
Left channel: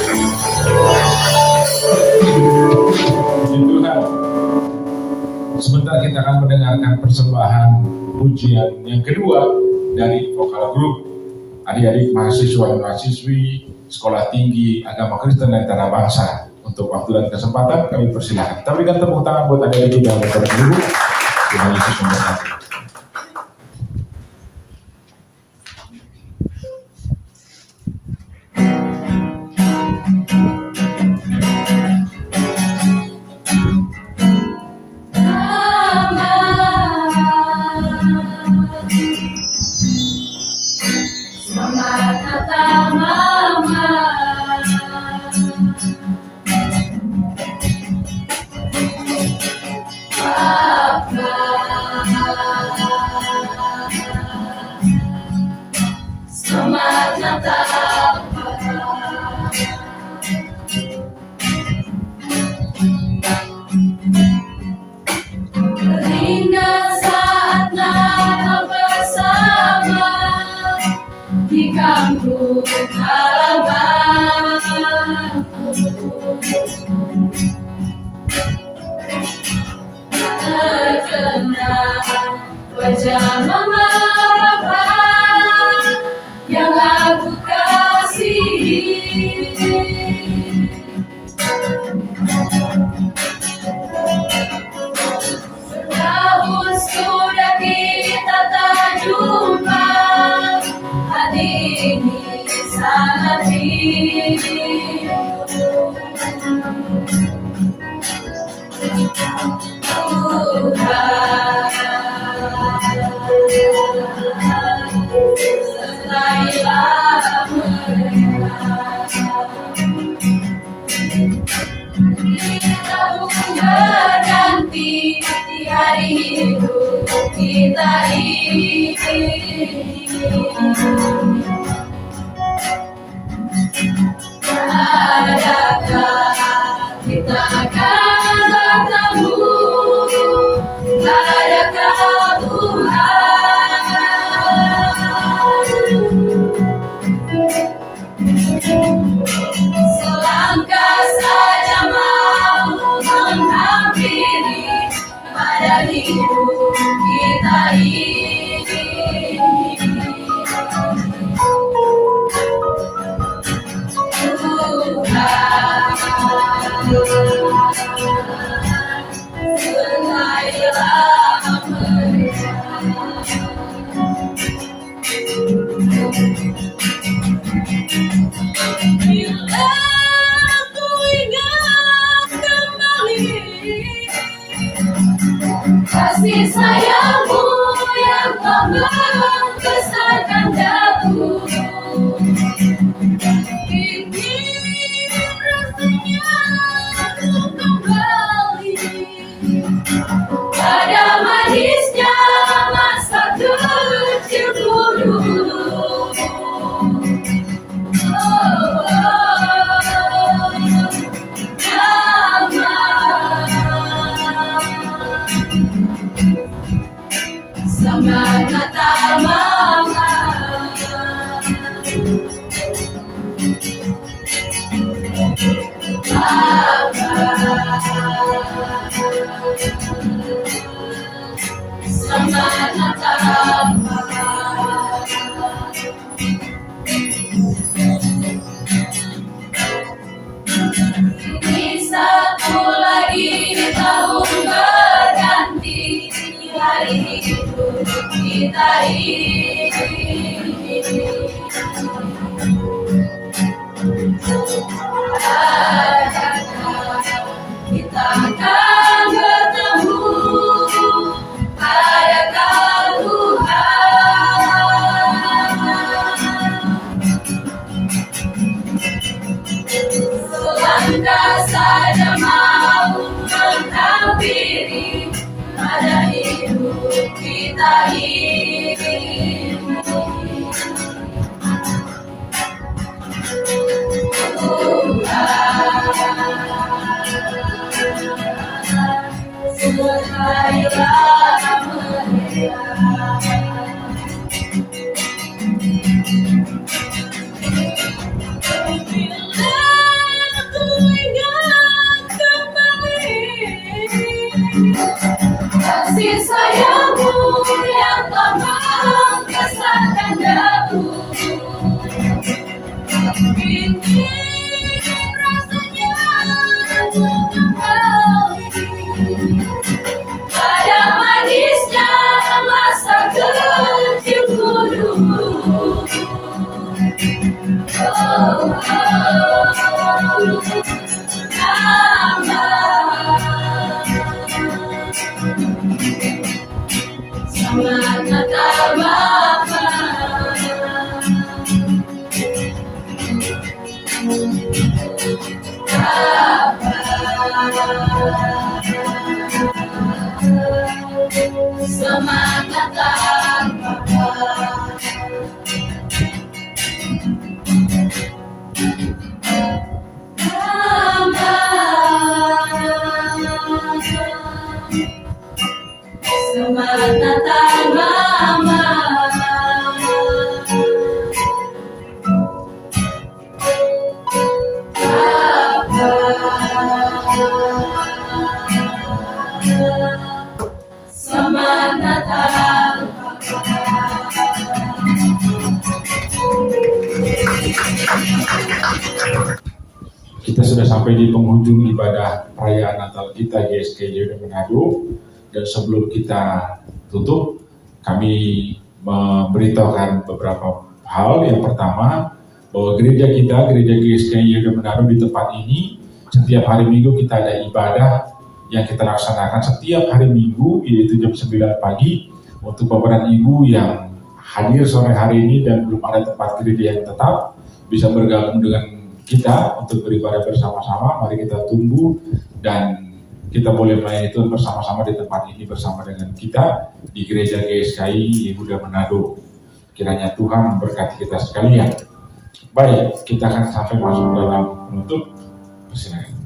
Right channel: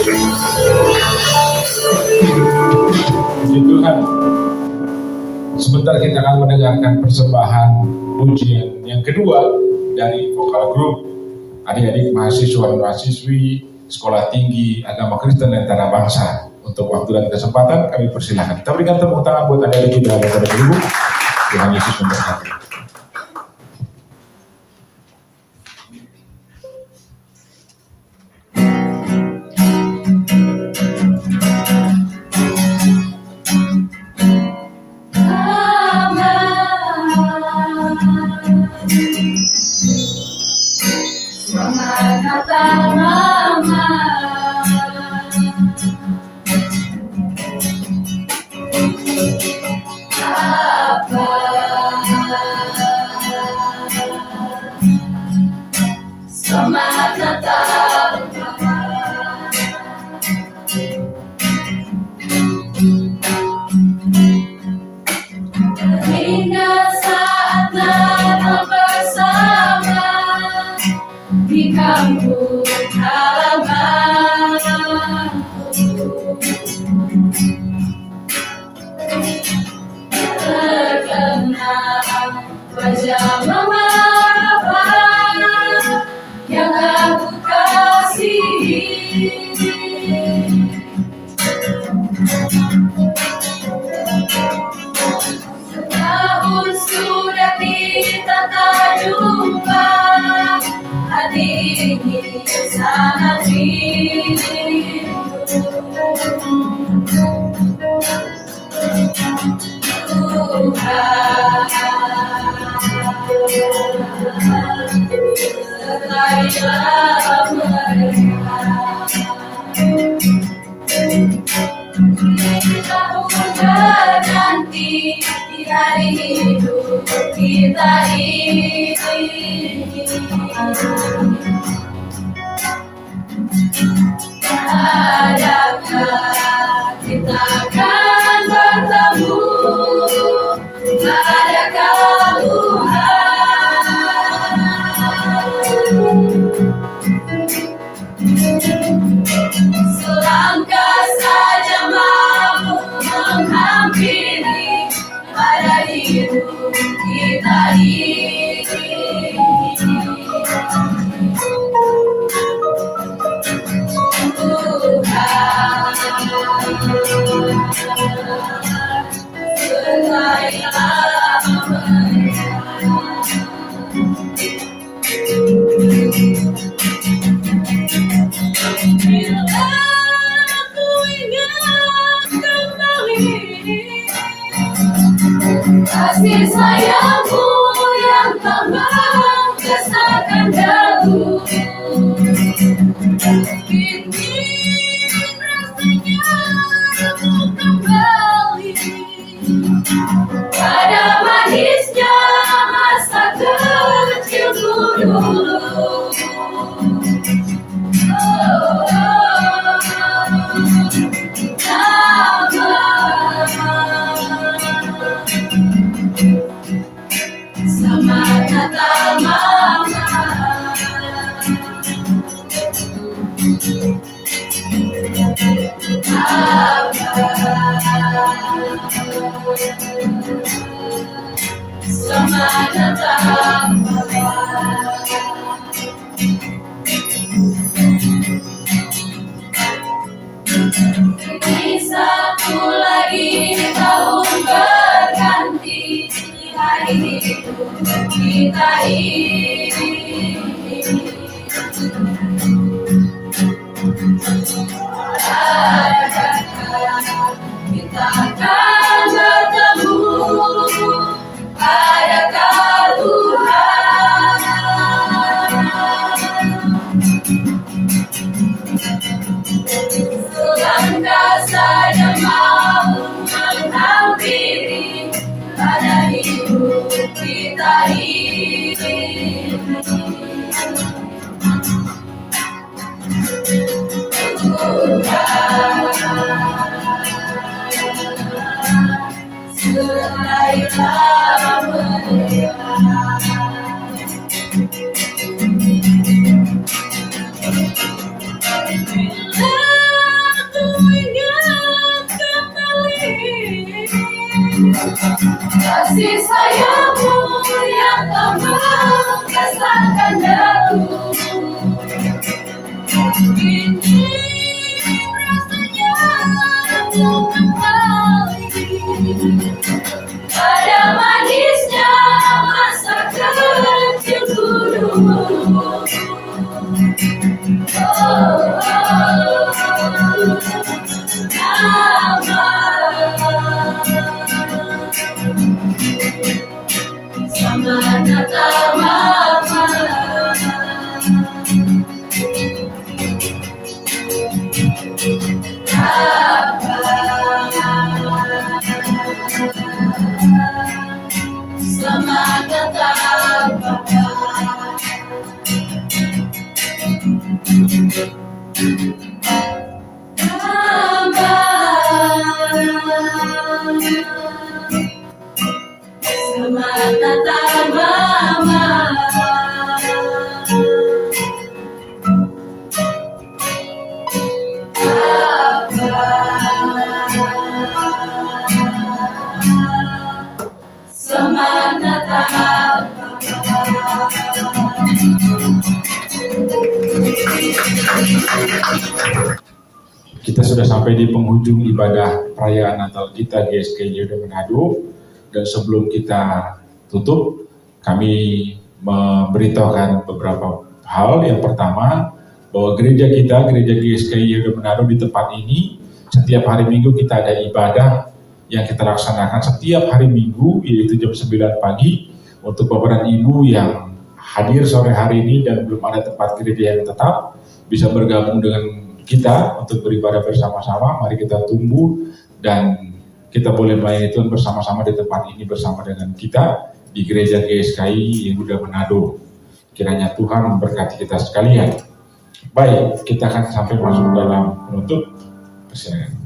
Puji Tuhan. Sebentar kita akan mendengarkan persembahan pujian yang kedua dari vokal grup adik-adik mahasiswa dan mahasiswi Sekolah Tinggi Agama Kristen dan Tanah Bangsa. Untuk waktu dan kesempatan kami persilahkan. Kita berikan tepuk tangan buat adik-adik kita daripada ibu. Tuhan Yesus memberkati. Kasih sayangmu yang tak membesarkan dagu, ini rasanya aku kembali pada manisnya masa kecilku dulu. Selamat Natal Mama. Selamat Natal Mama. Ini satu lagi tahun berganti, hari hidup kita ini. Adakah kita akan bertemu? Adakah Tuhan? Selangkah saja mau menghampiri pada hidup kita ini. Serailah meriah. Ini rasanya untuk kembali pada manisnya masa kecilku dulu. Selamat Natal Mama. Selamat Natal Papa. Mama. Selamat Natal Mama. Papa. Selamat Natal Kita sudah sampai di penghujung ibadah perayaan Natal kita GSKI Yehuda Manado, dan sebelum kita tutup, kami memberitahukan beberapa hal. Yang pertama, bahwa gereja kita, gereja GSKI Yehuda Manado di tempat ini, setiap hari Minggu kita ada ibadah yang kita laksanakan setiap hari Minggu, yaitu jam 9 pagi. Untuk beberapa ibu yang hadir sore hari ini dan belum ada tempat gereja yang tetap, bisa bergabung dengan kita untuk beribadah bersama-sama. Mari kita tumbuh dan kita boleh melayani Tuhan bersama-sama di tempat ini bersama dengan kita di gereja GSKI Yehuda Manado. Kiranya Tuhan memberkati kita sekalian. Baik, kita akan sampai masuk dalam penutup. Persilakan.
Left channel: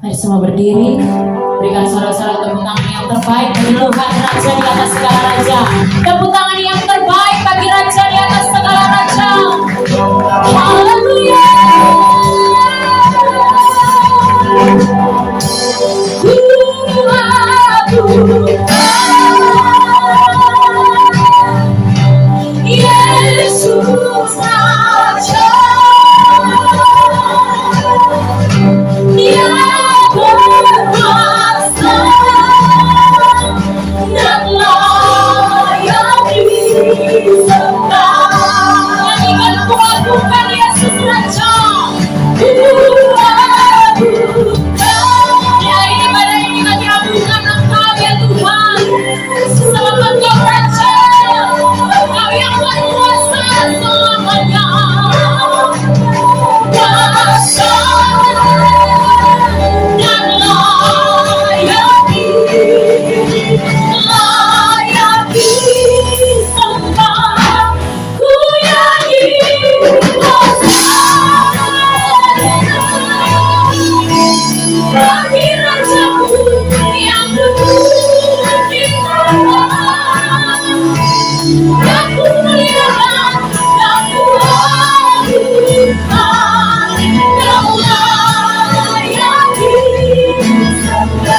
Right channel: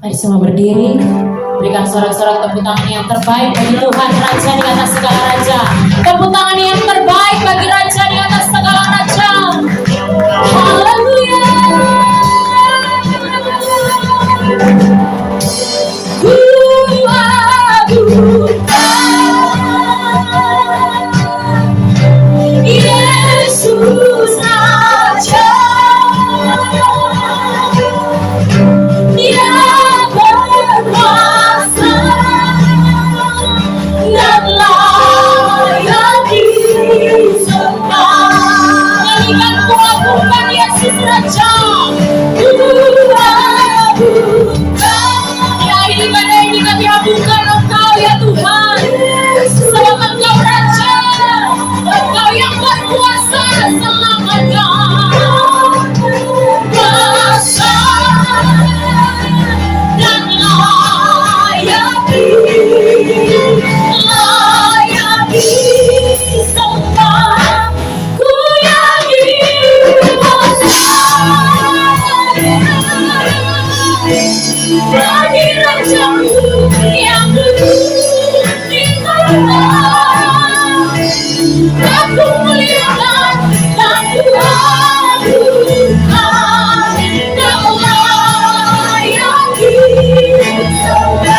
Mari semua berdiri, berikan sorak-sorak tepuk tangan yang terbaik bagi Tuhan Raja di atas segala raja. Tepuk tangan yang terbaik bagi Raja di atas segala raja. Haleluya. Yesus Raja. Dia berkuasa dan layak disembah. Nyanyikan bukan Yesus Raja. Ya, ibadah ini kami abukan Engkau ya Tuhan. Sebab Engkau Raja, Engkau yang berkuasa selamanya. Kuasa dan layak disembah. Ku yakin bagi Rajaku yang duduk di tanah. Aku melihat, aku adukan, kau layak disembah.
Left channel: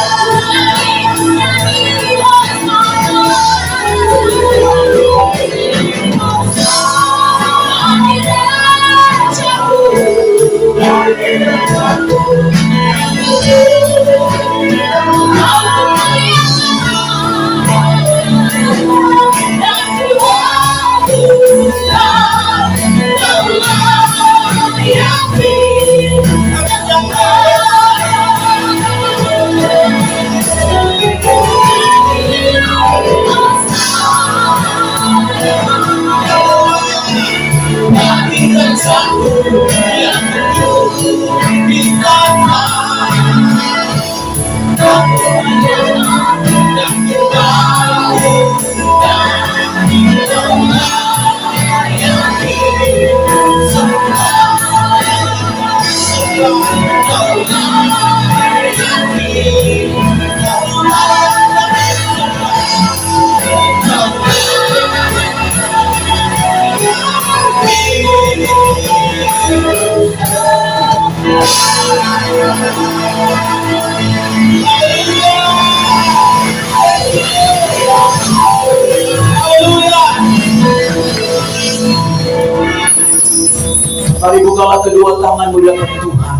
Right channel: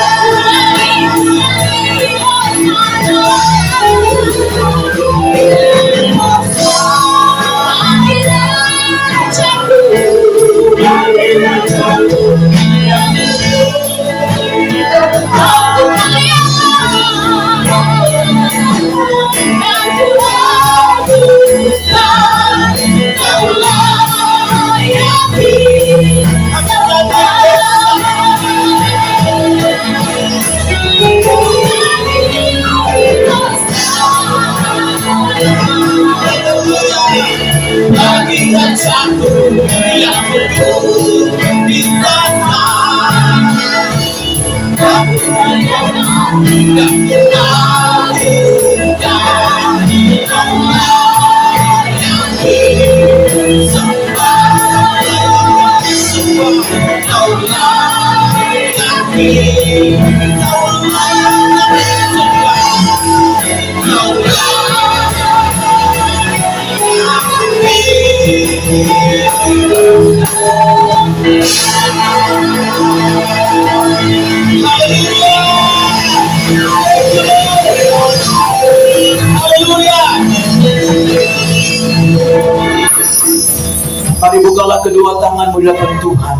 Mari bukalah kedua tanganmu di hadapan Tuhan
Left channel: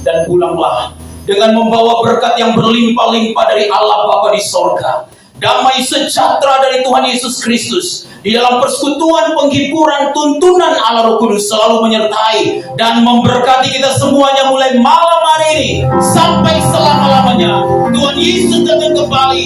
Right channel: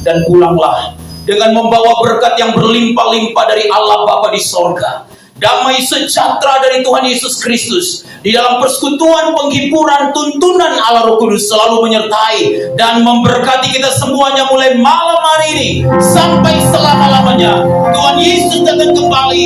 dan pulanglah dengan membawa berkat yang berlimpah-limpah dari Allah Bapa di sorga. Damai sejahtera dari Tuhan Yesus Kristus di dalam persekutuan penghiburan tuntunan Allah Roh Kudus selalu menyertai dan memberkati kita semuanya mulai malam hari ini sampai selama-lamanya. Tuhan Yesus datang kembali.